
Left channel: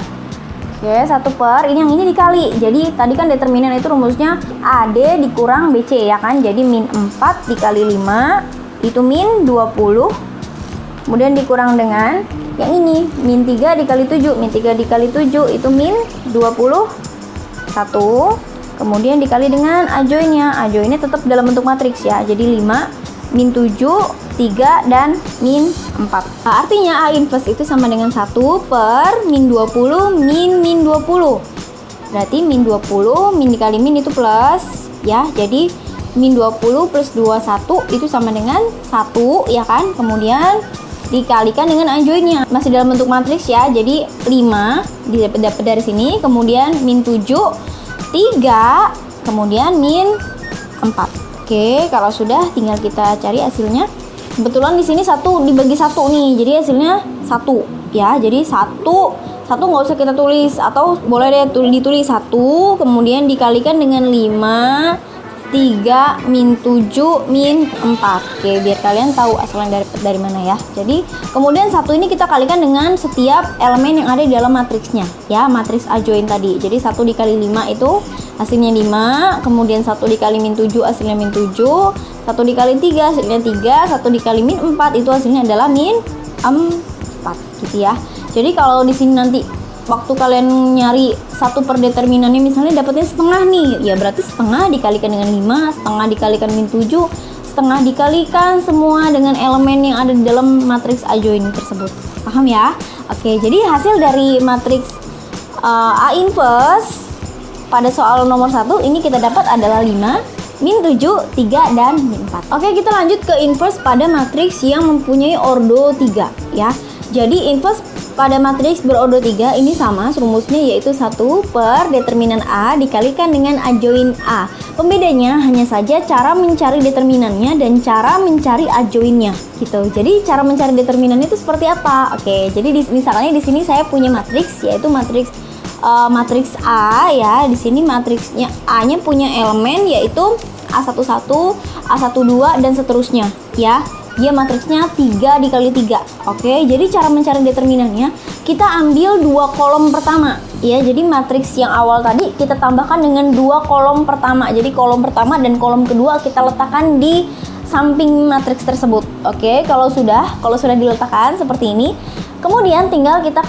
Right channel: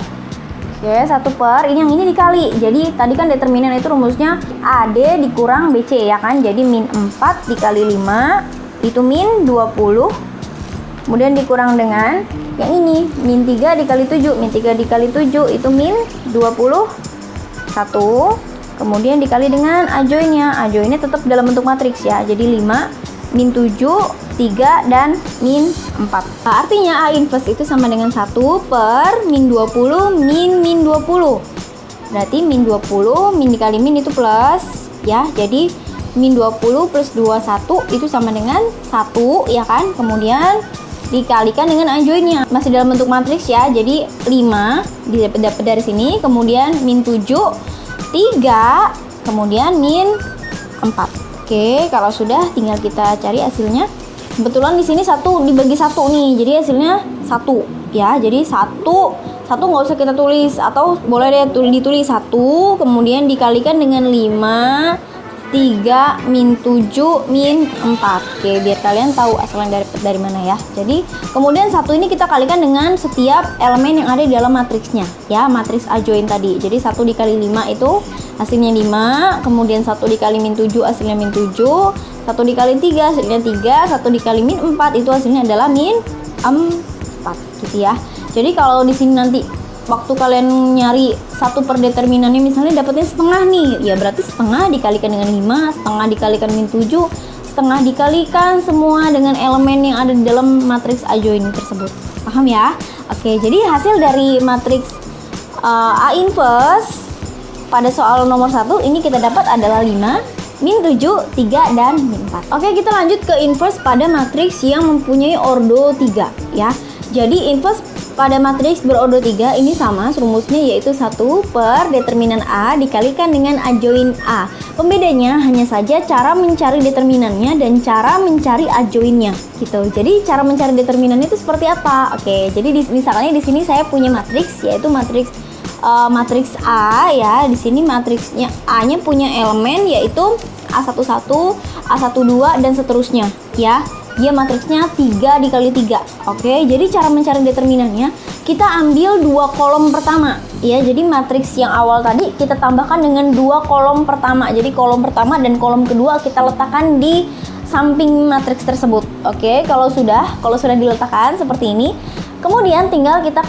ya, 1 per ini yang ini dikali. Jadi tadi kan determinan itu rumusnya AD dikurang BC ya kan. Jadi min 4 dikali 5 itu min 20. Kemudian dikurang dengan yang ini min 3 dikali 7. Min 3 dikali 7 itu min 21. Kemudian dikali dengan adjoinnya. Adjoinnya tetap dalam bentuk matriks ya. Jadi 5, min 7, 3, dan min 4. Nah, artinya A inverse itu sama dengan 1 per min 20 min 20. Berarti min 20, min dikali min itu plus ya. Jadi min 20 plus 21 itu sama dengan 1 ya kan. Kemudian dikalikan dengan adjoinnya. Masih dalam bentuk matriks ya. Jadi 5 didapat dari sini. Kemudian min 7, 3, kemudian min 4. Oke, kalau sudah tinggal kita cari hasilnya. Kebetulan di sini 1 dibagi 1 nih, jadi hasilnya 1 ya. Jadi 1 nggak usah kita tulis, atau boleh deh ditulis 1 kemudian dikalikan dengan 5 3 min 7 min 4. Oke, biar kalian tahu asalnya dari mana ya. Jadi kemudian 1 ini kita kalikan dengan setiap elemen yang ada di dalam matriksnya ya, matriks adjoin tadi. Jadi 1 dikali 5 itu hasilnya 5, kemudian 1 dikali min 7 hasilnya min 7, 1 dikali 3 hasilnya 3, 1 dikali min 4 itu hasilnya adalah min 4 gitu ya. Jadi kalau di sini nanti waktu kalian nyari 1 per determinannya misalnya dapatnya setengah nih, ya berarti setengah dikalikan dengan 5, setengah dikalikan min 7, setengah dikalikan semua dengan elemen yang ada di dalam matriks adjoin tersebut. Paham ya? Oke, jadi hasil dari matriks A inverse pada soal nomor 1 ini kita dapat adalah 5, min 7, 3, dan min 4. Oke, kita lanjut ke inverse pada matriks yang mempunyai ordo 3 ya. Jadi inverse pada matriks berordo 3 ini sama rumusnya, yaitu 1 per determinan A dikalikan dengan adjoin A. Pembedanya hanya saja cara mencari determinannya dan cara mencari adjoinnya gitu. Jadi cara mencari determinannya itu seperti apa? Oke, jadi misalnya di sini saya punya matriks, yaitu matriks A ya. Di sini matriksnya A-nya punya elemen yaitu A11, A12 dan seterusnya ya. Dia matriksnya 3 dikali 3. Oke, jadi cara mencari determinannya kita ambil 2 kolom pertama ya. Jadi matriks yang awal tadi kita tambahkan dengan 2 kolom pertama. Jadi kolom pertama dan kolom kedua kita letakkan di samping matriks tersebut. Oke, kalau sudah diletakkan seperti ini, kemudian tinggal kita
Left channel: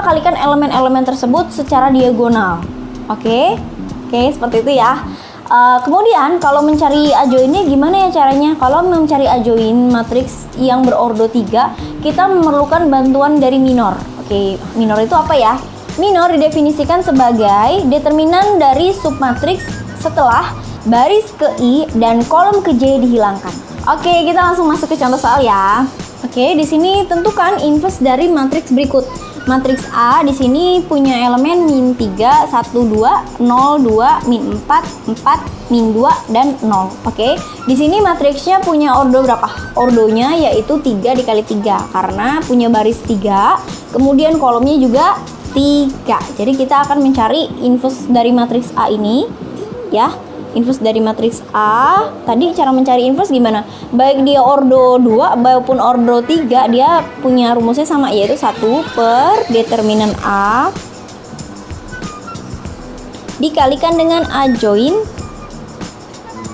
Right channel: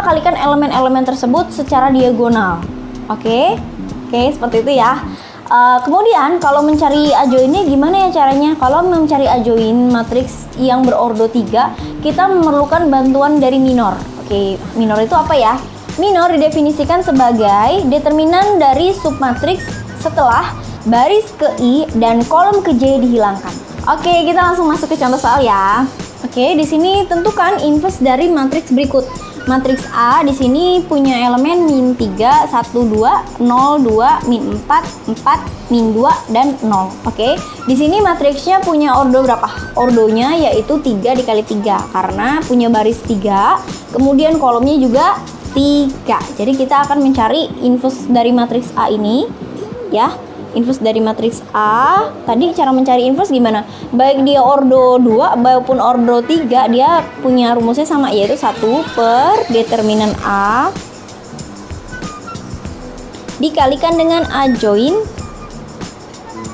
kalikan elemen-elemen tersebut secara diagonal. Oke, seperti itu ya. Kemudian kalau mencari adjoinnya gimana ya caranya? Kalau mencari adjoin matriks yang berordo 3, kita memerlukan bantuan dari minor. Oke, minor itu apa ya? Minor didefinisikan sebagai determinan dari submatriks setelah baris ke I dan kolom ke J dihilangkan. Oke, kita langsung masuk ke contoh soal ya. Oke, di sini tentukan inverse dari matriks berikut. Matriks A di sini punya elemen min 3, 1, 2, 0, 2, min 4, 4, min 2, dan 0. Oke, di sini matriksnya punya ordo berapa? Ordonya yaitu 3 dikali 3 karena punya baris 3, kemudian kolomnya juga 3. Jadi kita akan mencari inverse dari matriks A ini ya. Inverse dari matriks A, tadi cara mencari inverse gimana? Baik dia ordo 2 maupun ordo 3, dia punya rumusnya sama, yaitu 1 per determinan A dikalikan dengan adjoin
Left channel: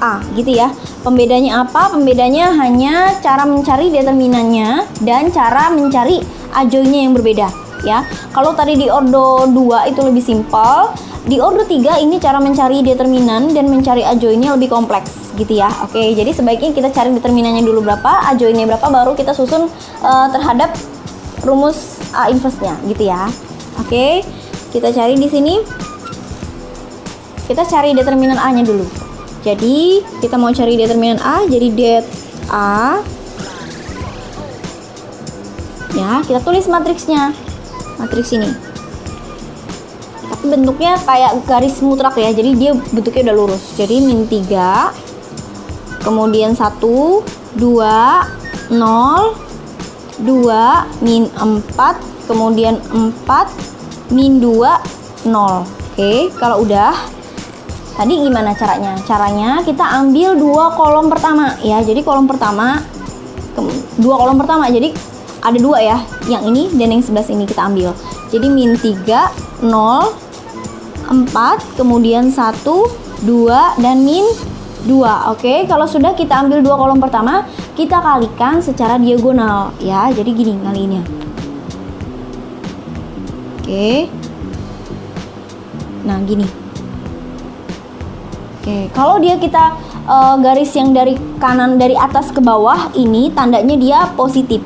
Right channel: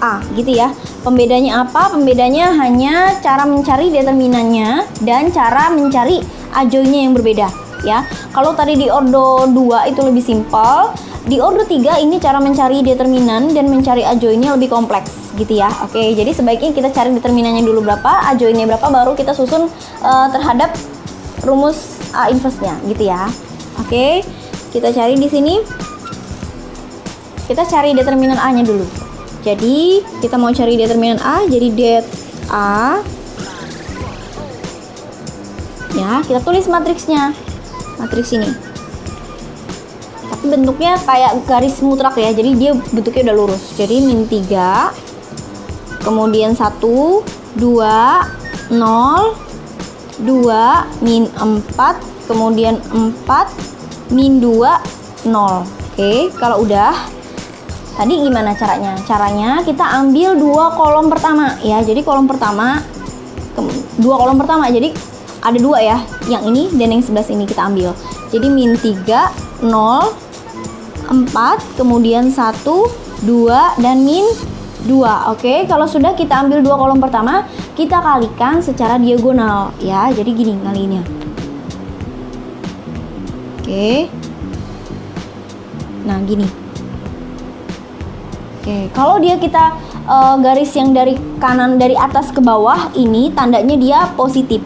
A gitu ya. Pembedanya apa? Pembedanya hanya cara mencari determinannya dan cara mencari adjoinnya yang berbeda ya. Kalau tadi di ordo 2 itu lebih simpel, di ordo 3 ini cara mencari determinan dan mencari adjoinnya lebih kompleks gitu ya. Oke, jadi sebaiknya kita cari determinannya dulu berapa, adjoinnya berapa, baru kita susun terhadap rumus A inverse-nya gitu ya. Oke, kita cari di sini. Kita cari determinan A-nya dulu. Jadi kita mau cari determinan A, jadi det A ya, kita tulis matriksnya. Matriks ini bentuknya kayak garis mutlak ya, jadi dia bentuknya udah lurus. Jadi min 3, kemudian 1, 2, 0, 2, min 4, kemudian 4, min 2, 0. Oke, kalau udah, tadi gimana caranya? Caranya kita ambil 2 kolom pertama ya. Jadi kolom pertama, 2 kolom pertama, jadi ada 2 ya, yang ini dan yang sebelah sini kita ambil. Jadi min 3, 0, 4, kemudian 1, 2, dan min 2. Oke, kalau sudah kita ambil 2 kolom pertama, kita kalikan secara diagonal ya. Jadi gini kalinya. Oke. Nah, gini. Oke, kalau dia kita garis yang dari kanan dari atas ke bawah, ini tandanya dia positif.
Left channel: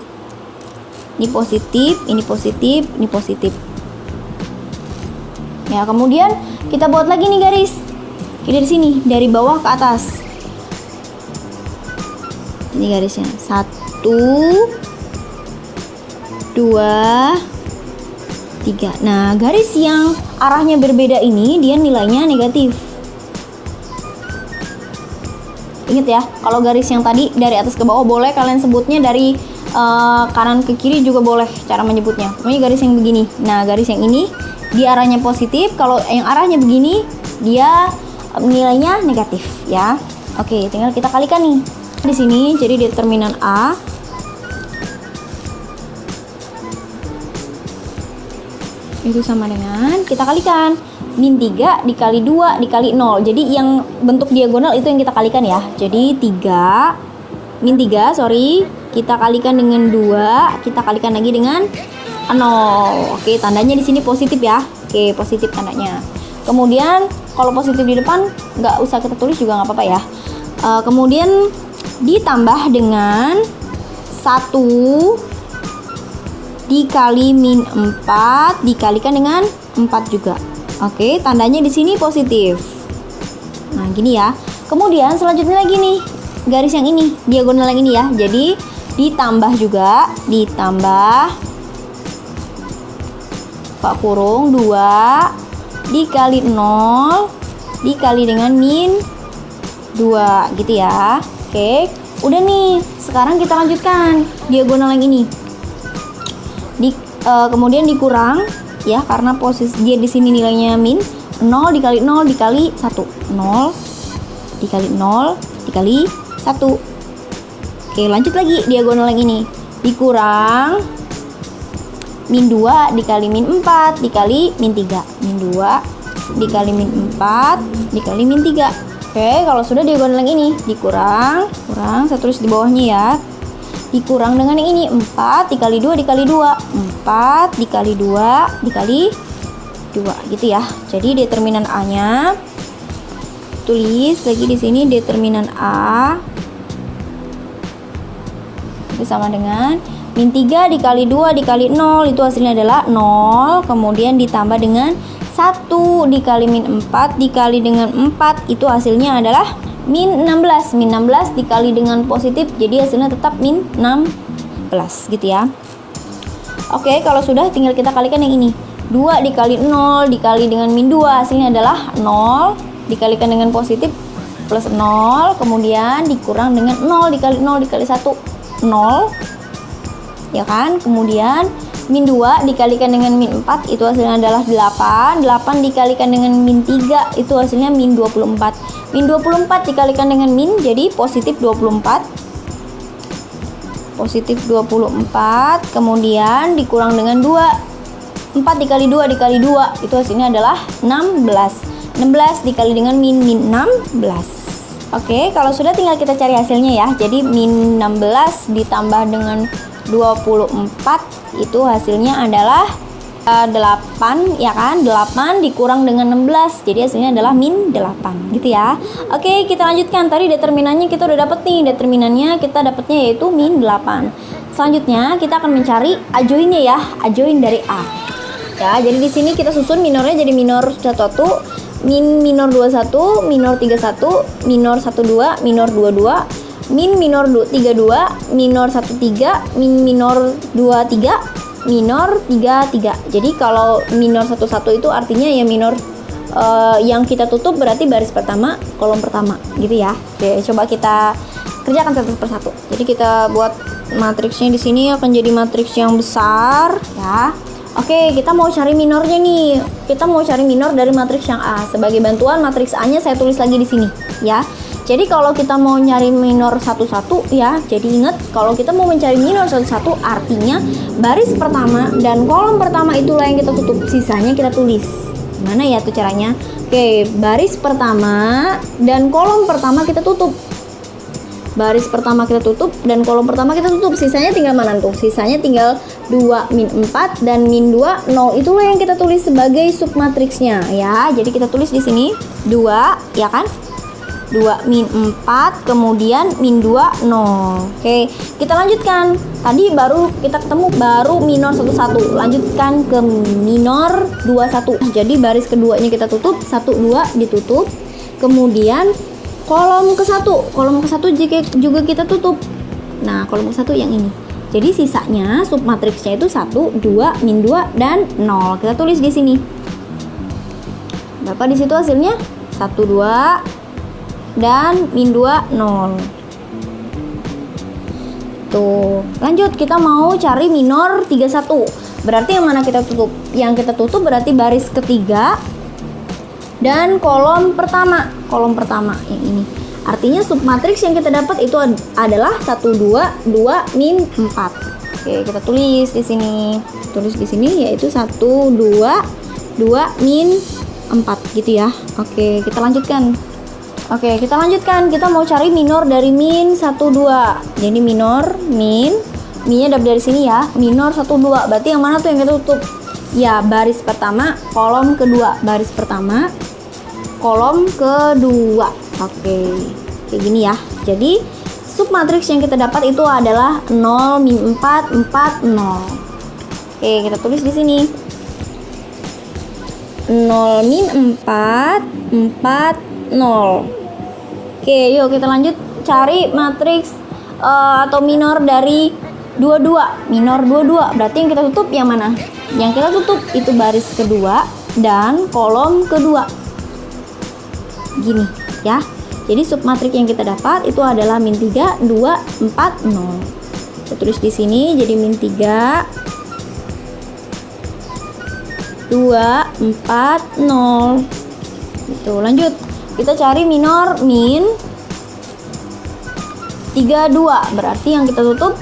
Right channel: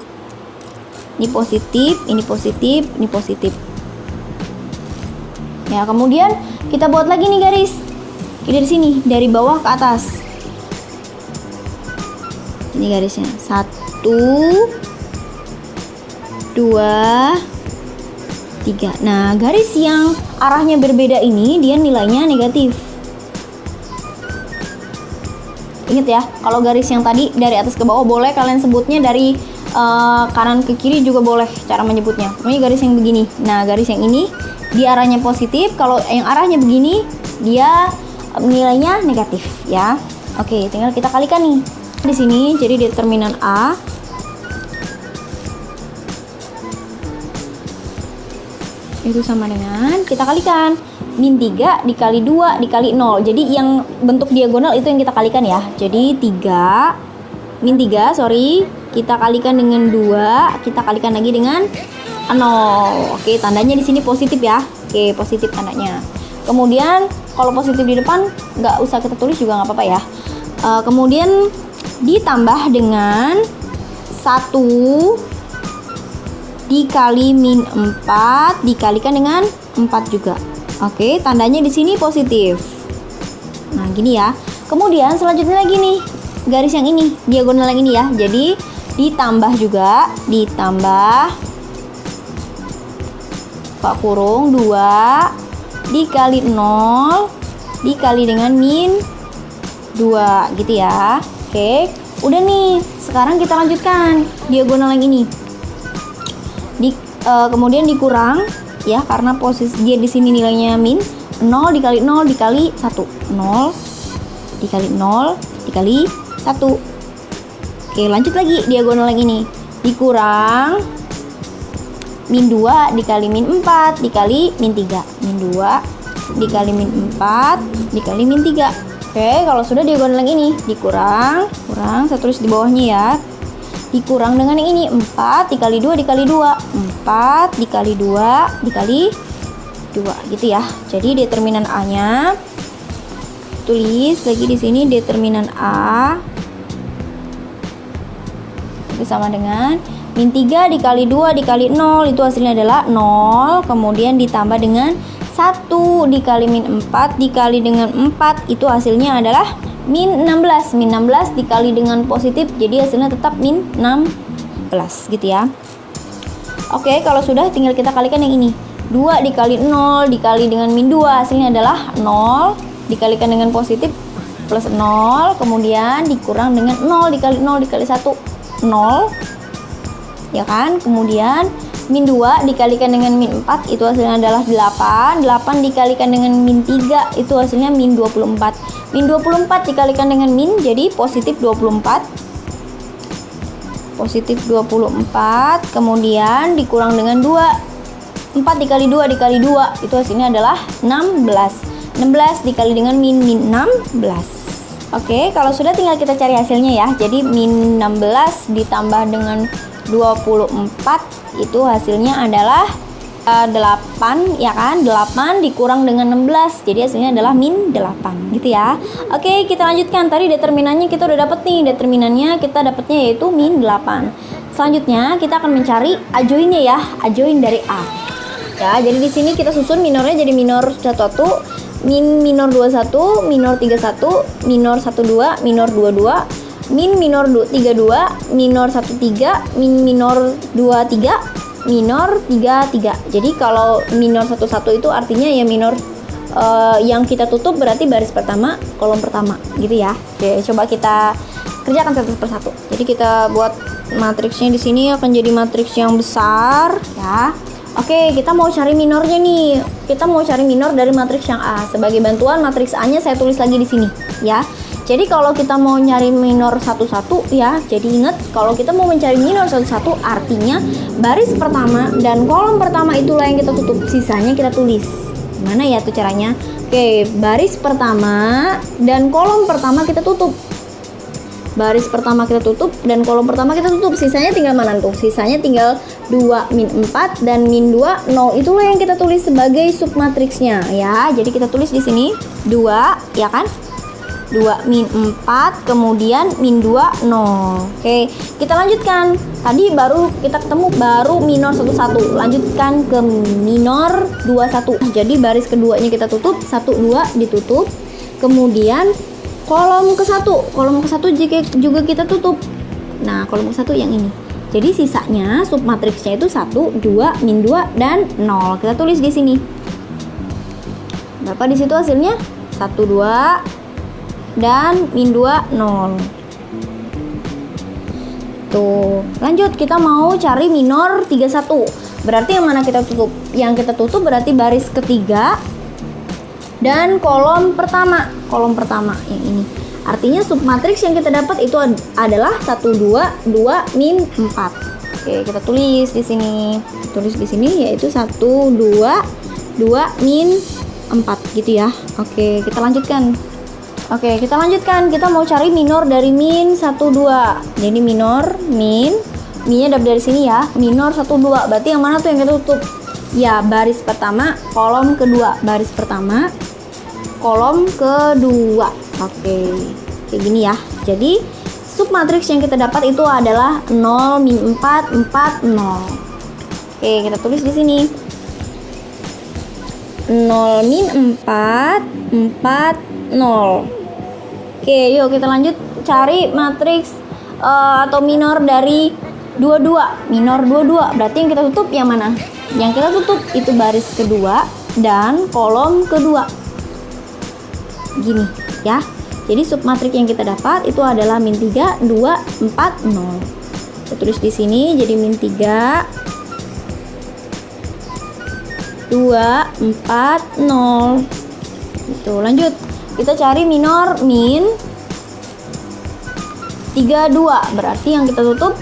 Ini positif, ini positif, ini positif. Ya, kemudian kita buat lagi nih garis. Ini di sini dari bawah ke atas. Ini garisnya 1, 2, 3. Nah, garis yang arahnya berbeda ini dia nilainya negatif. Ingat ya, kalau garis yang tadi dari atas ke bawah boleh kalian sebutnya dari kanan ke kiri juga boleh cara menyebutnya. Pokoknya garis yang begini. Nah, garis yang ini dia arahnya positif, kalau yang arahnya begini dia nilainya negatif ya. Oke, tinggal kita kalikan nih di sini. Jadi determinan A itu sama dengan, kita kalikan min 3 dikali 2 dikali 0. Jadi yang bentuk diagonal itu yang kita kalikan ya. Jadi min 3 kita kalikan dengan 2, kita kalikan lagi dengan 0. Oke, tandanya di sini positif ya. Oke, positif tandanya. Kemudian kalau positif di depan nggak usah kita tulis juga nggak apa-apa ya. Kemudian ditambah dengan 1 dikali min 4 dikalikan dengan 4 juga. Oke, tandanya di sini positif. Nah, gini ya. Kemudian selanjutnya lagi nih, garis yang ini, diagonal yang ini ya. Jadi ditambah juga, ditambah buka kurung 2 dikali 0 dikali dengan min 2 gitu ya. Oke, udah nih. Sekarang kita lanjutkan diagonal yang ini. Kemudian dikurang ya, karena posisi dia di sini nilainya min 0 dikali 0 dikali 1, 0 dikali 0 dikali 1. Oke, lanjut lagi diagonal yang ini, dikurang min 2 dikali min 4 dikali min 3, min 2 dikali min 4 dikali min 3. Oke, kalau sudah diagonal yang ini dikurang, saya tulis di bawahnya ya, dikurang dengan yang ini 4 dikali 2 dikali 2, 4 dikali 2 dikali 2 gitu ya. Jadi determinan A-nya tulis lagi di sini, determinan A itu sama dengan min 3 dikali 2 dikali 0, itu hasilnya adalah 0. Kemudian ditambah dengan 1 dikali min 4 dikali dengan 4, itu hasilnya adalah min 16. Min 16 dikali dengan positif, jadi hasilnya tetap min 16 gitu ya. Oke, kalau sudah tinggal kita kalikan yang ini. 2 dikali 0 dikali dengan min 2, hasilnya adalah 0 dikalikan dengan positif plus 0, kemudian dikurang dengan 0 dikali 0 dikali 1, 0 ya kan. Kemudian min 2 dikalikan dengan min 4, itu hasilnya adalah 8. 8 dikalikan dengan min 3, itu hasilnya min 24. Min 24 dikalikan dengan min, jadi positif 24. Positif 24, kemudian dikurang dengan 2. 4 dikali 2 dikali 2, itu hasilnya adalah 16. 16 dikali dengan min 16. Oke, kalau sudah tinggal kita cari hasilnya ya. Jadi min 16 ditambah dengan 24, itu hasilnya adalah 8 ya kan. 8 dikurang dengan 16, jadi hasilnya adalah min 8 gitu ya. Oke, kita lanjutkan. Tadi determinannya kita udah dapet nih. Determinannya kita dapetnya yaitu min 8. Selanjutnya kita akan mencari adjoinnya ya, adjoin dari A. Ya, jadi di sini kita susun minornya jadi minor 11, min minor 21, minor 31, minor 12, minor 22, min minor 32, minor 13, min minor 23, minor 33. Jadi kalau minor 11 itu artinya ya minor yang kita tutup berarti baris pertama, kolom pertama gitu ya. Oke, coba kita kerjakan satu persatu. Jadi kita buat matriksnya di sini akan jadi matriks yang besar ya. Oke, kita mau cari minornya nih. Kita mau cari minor dari matriks yang A. Sebagai bantuan matriks A-nya saya tulis lagi di sini ya. Jadi kalau kita mau nyari minor 11 ya, jadi ingat kalau kita mau mencari minor 11 artinya baris pertama dan kolom pertama itulah yang kita tutup, sisanya kita tulis. Gimana ya tuh caranya? Oke, baris pertama dan kolom pertama kita tutup. Baris pertama kita tutup dan kolom pertama kita tutup. Sisanya tinggal mana tuh? Sisanya tinggal 2 min 4 dan min 2 0, itulah yang kita tulis sebagai submatriksnya ya. Jadi kita tulis di sini 2 ya kan? 2 min 4 kemudian min 2 0. Oke, kita lanjutkan. Tadi baru kita ketemu baru minor 11. Lanjutkan ke minor 21. Jadi baris keduanya kita tutup, 1 2 ditutup. Kemudian kolom ke-1 juga kita tutup. Nah, kolom ke-1 yang ini. Jadi sisanya submatriksnya itu 1 2 min 2 dan 0. Kita tulis di sini. Berapa di situ hasilnya? 1 2 dan min 2 0. Tuh, lanjut kita mau cari minor 31. Berarti yang mana kita tutup? Yang kita tutup berarti baris ketiga dan kolom pertama yang ini. Artinya submatriks yang kita dapat itu adalah 1 2 2 min 4. Oke, kita tulis di sini. Yaitu 1 2 2 min 4 gitu ya. Oke, kita lanjutkan. Kita mau cari minor dari min 1 2. Jadi minor minnya dapat dari sini ya. Minor 1 2. Berarti yang mana tuh yang kita tutup? Ya, baris pertama, kolom kedua. Baris pertama, kolom kedua. Oke, kayak gini ya. Jadi submatriks yang kita dapat itu adalah 0 min 4 4 0. Oke, kita tulis di sini. 0 min 4 4 0. Oke, yuk kita lanjut cari matriks atau minor dari 22. Minor 22. Berarti yang kita tutup yang mana? Yang kita tutup itu baris kedua dan kolom kedua. Gini ya. Jadi submatriks yang kita dapat itu adalah min 3 2 4 0. Kita tulis di sini jadi min 3 2 4 0. Tuh, lanjut. Kita cari minor min 32. Berarti yang kita tutup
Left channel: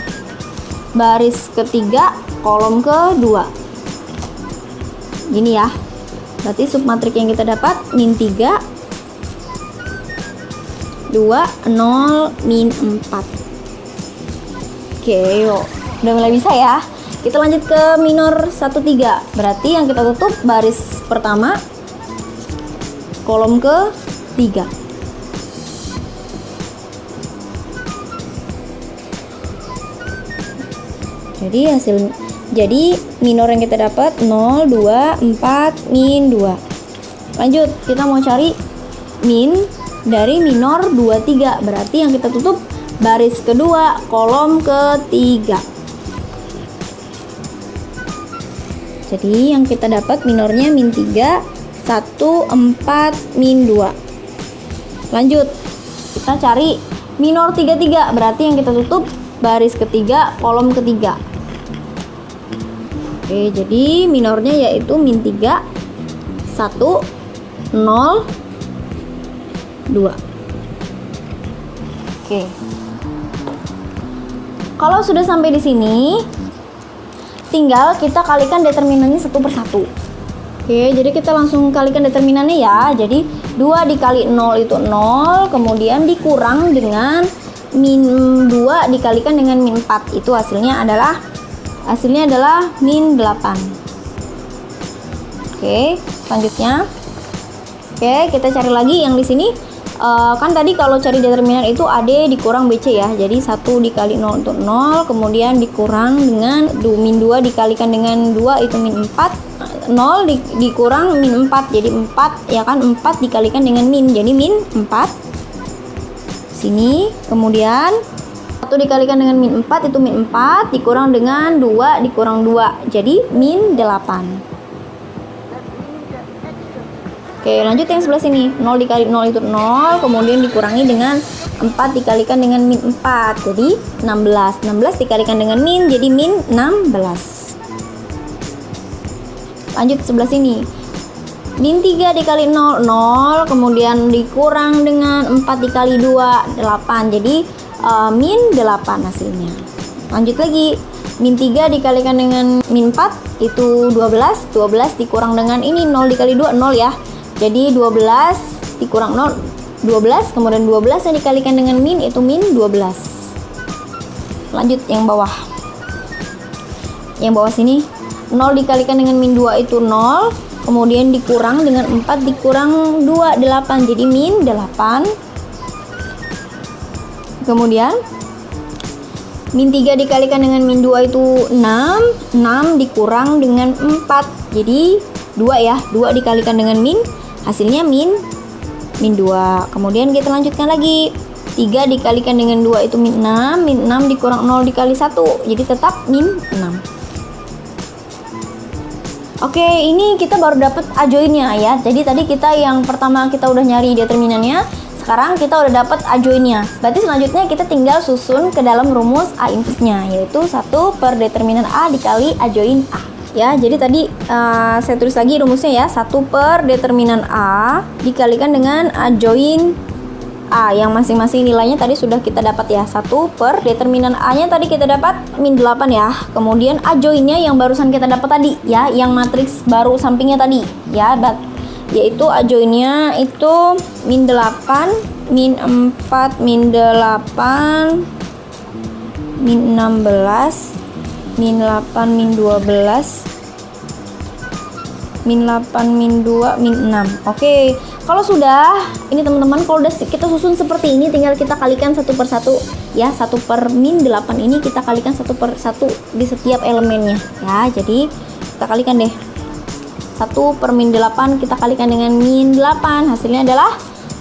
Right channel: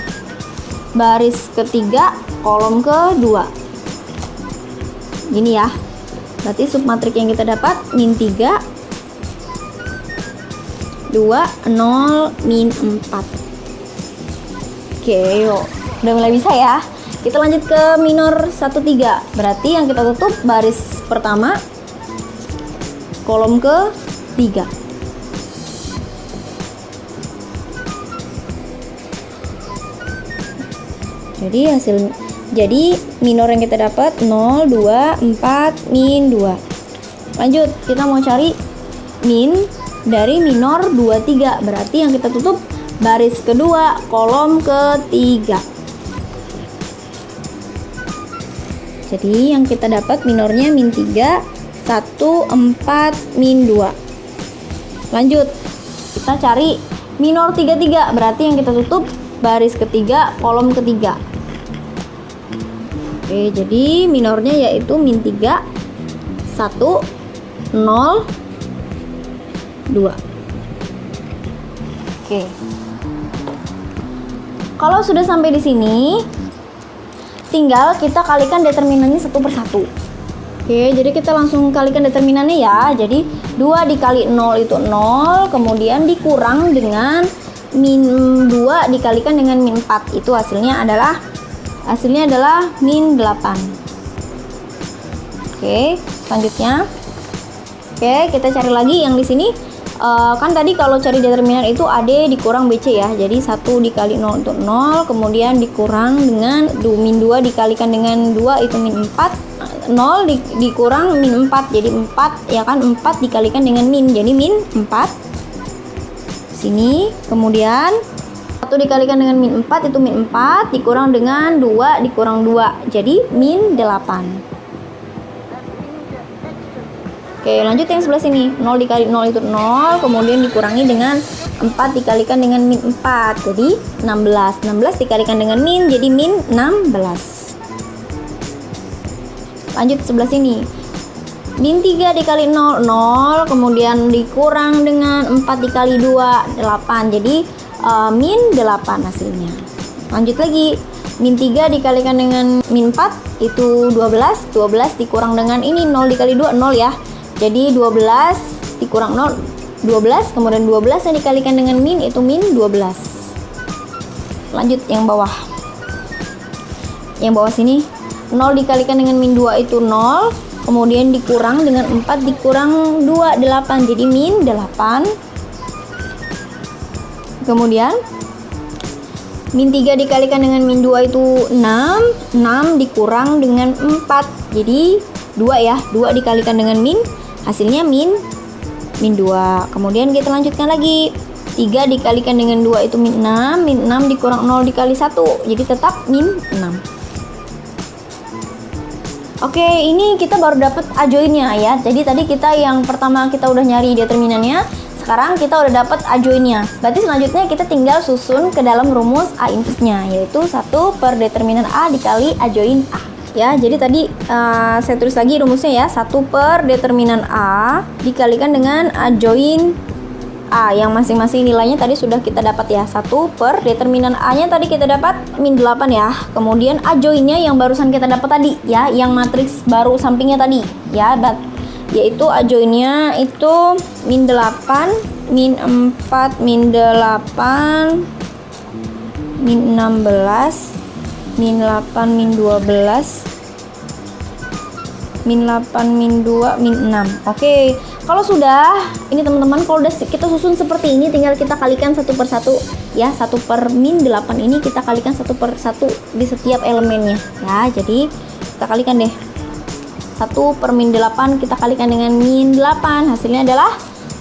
baris ketiga, kolom kedua. Gini ya. Berarti submatriks yang kita dapat min 3 2 0 min 4. Oke, yuk. Udah mulai bisa ya. Kita lanjut ke minor 1 3. Berarti yang kita tutup baris pertama, kolom ke 3. Jadi minor yang kita dapat 0 2 4 min 2. Lanjut, kita mau cari min dari minor 23. Berarti yang kita tutup baris kedua, kolom ketiga. Jadi yang kita dapat minornya min 3 1 4 min 2. Lanjut, kita cari minor 33. Berarti yang kita tutup baris ketiga, kolom ketiga. Oke, jadi minornya yaitu min 3 1 0 2. Oke. Kalau sudah sampai di sini, tinggal kita kalikan determinannya satu persatu. Oke, jadi kita langsung kalikan determinannya ya. Jadi 2 dikali 0 itu 0, kemudian dikurang dengan min 2 dikalikan dengan min 4. Itu hasilnya adalah min 8. Oke, selanjutnya. Oke, kita cari lagi yang di sini. Kan tadi kalau cari determinan itu AD dikurang BC ya. Jadi 1 dikali 0 itu 0, kemudian dikurang dengan min 2 dikalikan dengan 2 itu min 4. 0 dikurang min 4, jadi 4 ya kan, 4 dikalikan dengan min, jadi min 4 sini. Kemudian 1 dikalikan dengan min 4 itu min 4 dikurang dengan 2 dikurang 2, jadi min 8. Oke, lanjut yang sebelah sini. 0 dikali 0 itu 0, kemudian dikurangi dengan 4 dikalikan dengan min 4, jadi 16. 16 dikalikan dengan min, jadi min 16. Lanjut sebelah sini. Min 3 dikali 0, 0, kemudian dikurang dengan 4 dikali 2, 8. Jadi min 8 hasilnya. Lanjut lagi. Min 3 dikalikan dengan min 4 itu 12. 12 dikurang dengan ini 0 dikali 2, 0 ya. Jadi 12 dikurang 0, 12, kemudian 12 yang dikalikan dengan min itu min 12. Lanjut yang bawah. Yang bawah sini 0 dikalikan dengan min 2 itu 0, kemudian dikurang dengan 4 dikurang 2, 8, jadi min 8. Kemudian min 3 dikalikan dengan min 2 itu 6, 6 dikurang dengan 4, jadi 2 ya, 2 dikalikan dengan min, hasilnya min 2. Kemudian kita lanjutkan lagi, 3 dikalikan dengan 2 itu min 6 dikurang 0 dikali 1, jadi tetap min 6. Oke, ini kita baru dapat ajoinnya ya. Jadi tadi kita yang pertama kita udah nyari determinannya. sekarang kita udah dapat A join-nya. Berarti selanjutnya kita tinggal susun ke dalam rumus A inverse-nya, yaitu 1 per determinan A dikali A join A. Ya, jadi tadi saya tulis lagi rumusnya ya, 1 per determinan A dikalikan dengan A join A, yang masing-masing nilainya tadi sudah kita dapat ya. 1 per determinan A-nya tadi kita dapat min 8 ya. Kemudian A join-nya yang barusan kita dapat tadi ya, yang matriks baru sampingnya tadi ya, yaitu A join-nya itu min 8, min 4, min 8, min 16, min 8, min 12, min 8, min 2, min 6. Oke. Kalau sudah, ini teman-teman, kalau udah kita susun seperti ini, tinggal kita kalikan satu per satu ya. 1 per min 8 ini kita kalikan 1 per 1 di setiap elemennya ya. Jadi kita kalikan deh, 1 per min 8 kita kalikan dengan min 8, hasilnya adalah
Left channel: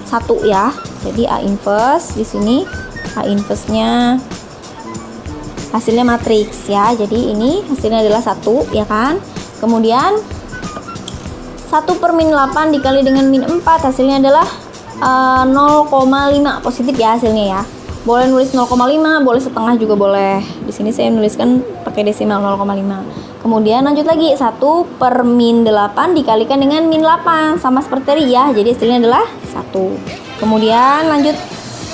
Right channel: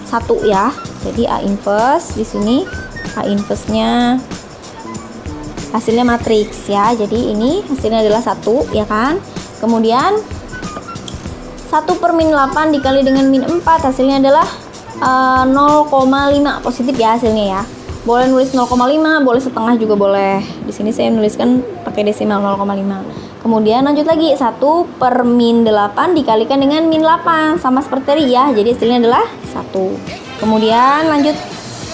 1 ya. Jadi A inverse di sini, A inverse-nya hasilnya matriks ya. Jadi ini hasilnya adalah 1 ya kan. Kemudian 1 per min 8 dikali dengan min 4, hasilnya adalah 0,5 positif ya hasilnya ya. Boleh nulis 0,5, boleh setengah juga boleh. Di sini saya menuliskan pakai desimal 0,5. Kemudian lanjut lagi, 1 per min 8 dikalikan dengan min 8, sama seperti tadi ya. Jadi hasilnya adalah 1. Kemudian lanjut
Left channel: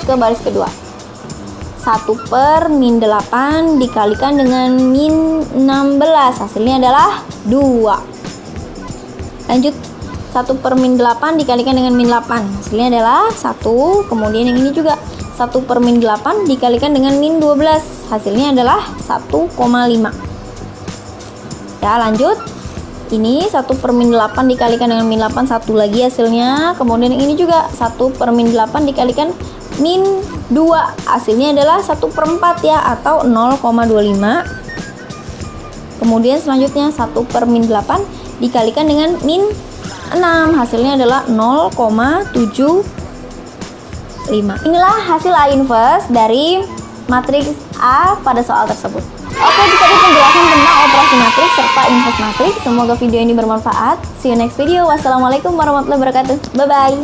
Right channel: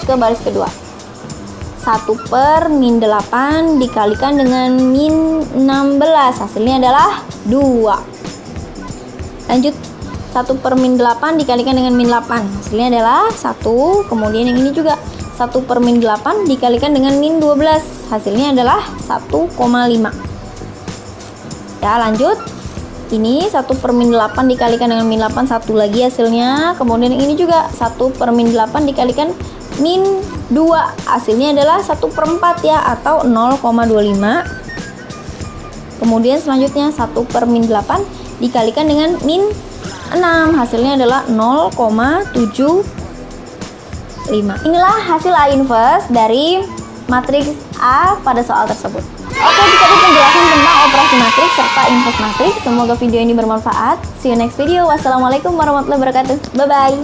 ke baris kedua. 1 per min 8 dikalikan dengan min 16, hasilnya adalah 2. Lanjut, 1 per min 8 dikalikan dengan min 8, hasilnya adalah 1. Kemudian yang ini juga 1 per min 8 dikalikan dengan min 12, hasilnya adalah 1,5. Ya, lanjut, ini 1 per min 8 dikalikan dengan min 8, 1 lagi hasilnya. Kemudian yang ini juga 1 per min 8 dikalikan min 2, hasilnya adalah 1 per 4 ya, atau 0,25. Kemudian selanjutnya 1 per min 8 dikalikan dengan min 6, hasilnya adalah 0,75. Inilah hasil A inverse dari matriks A pada soal tersebut. Oke, itu tadi penjelasan tentang operasi matriks serta inverse matriks. Semoga video ini bermanfaat. See you next video. Wassalamualaikum warahmatullahi wabarakatuh. Bye bye.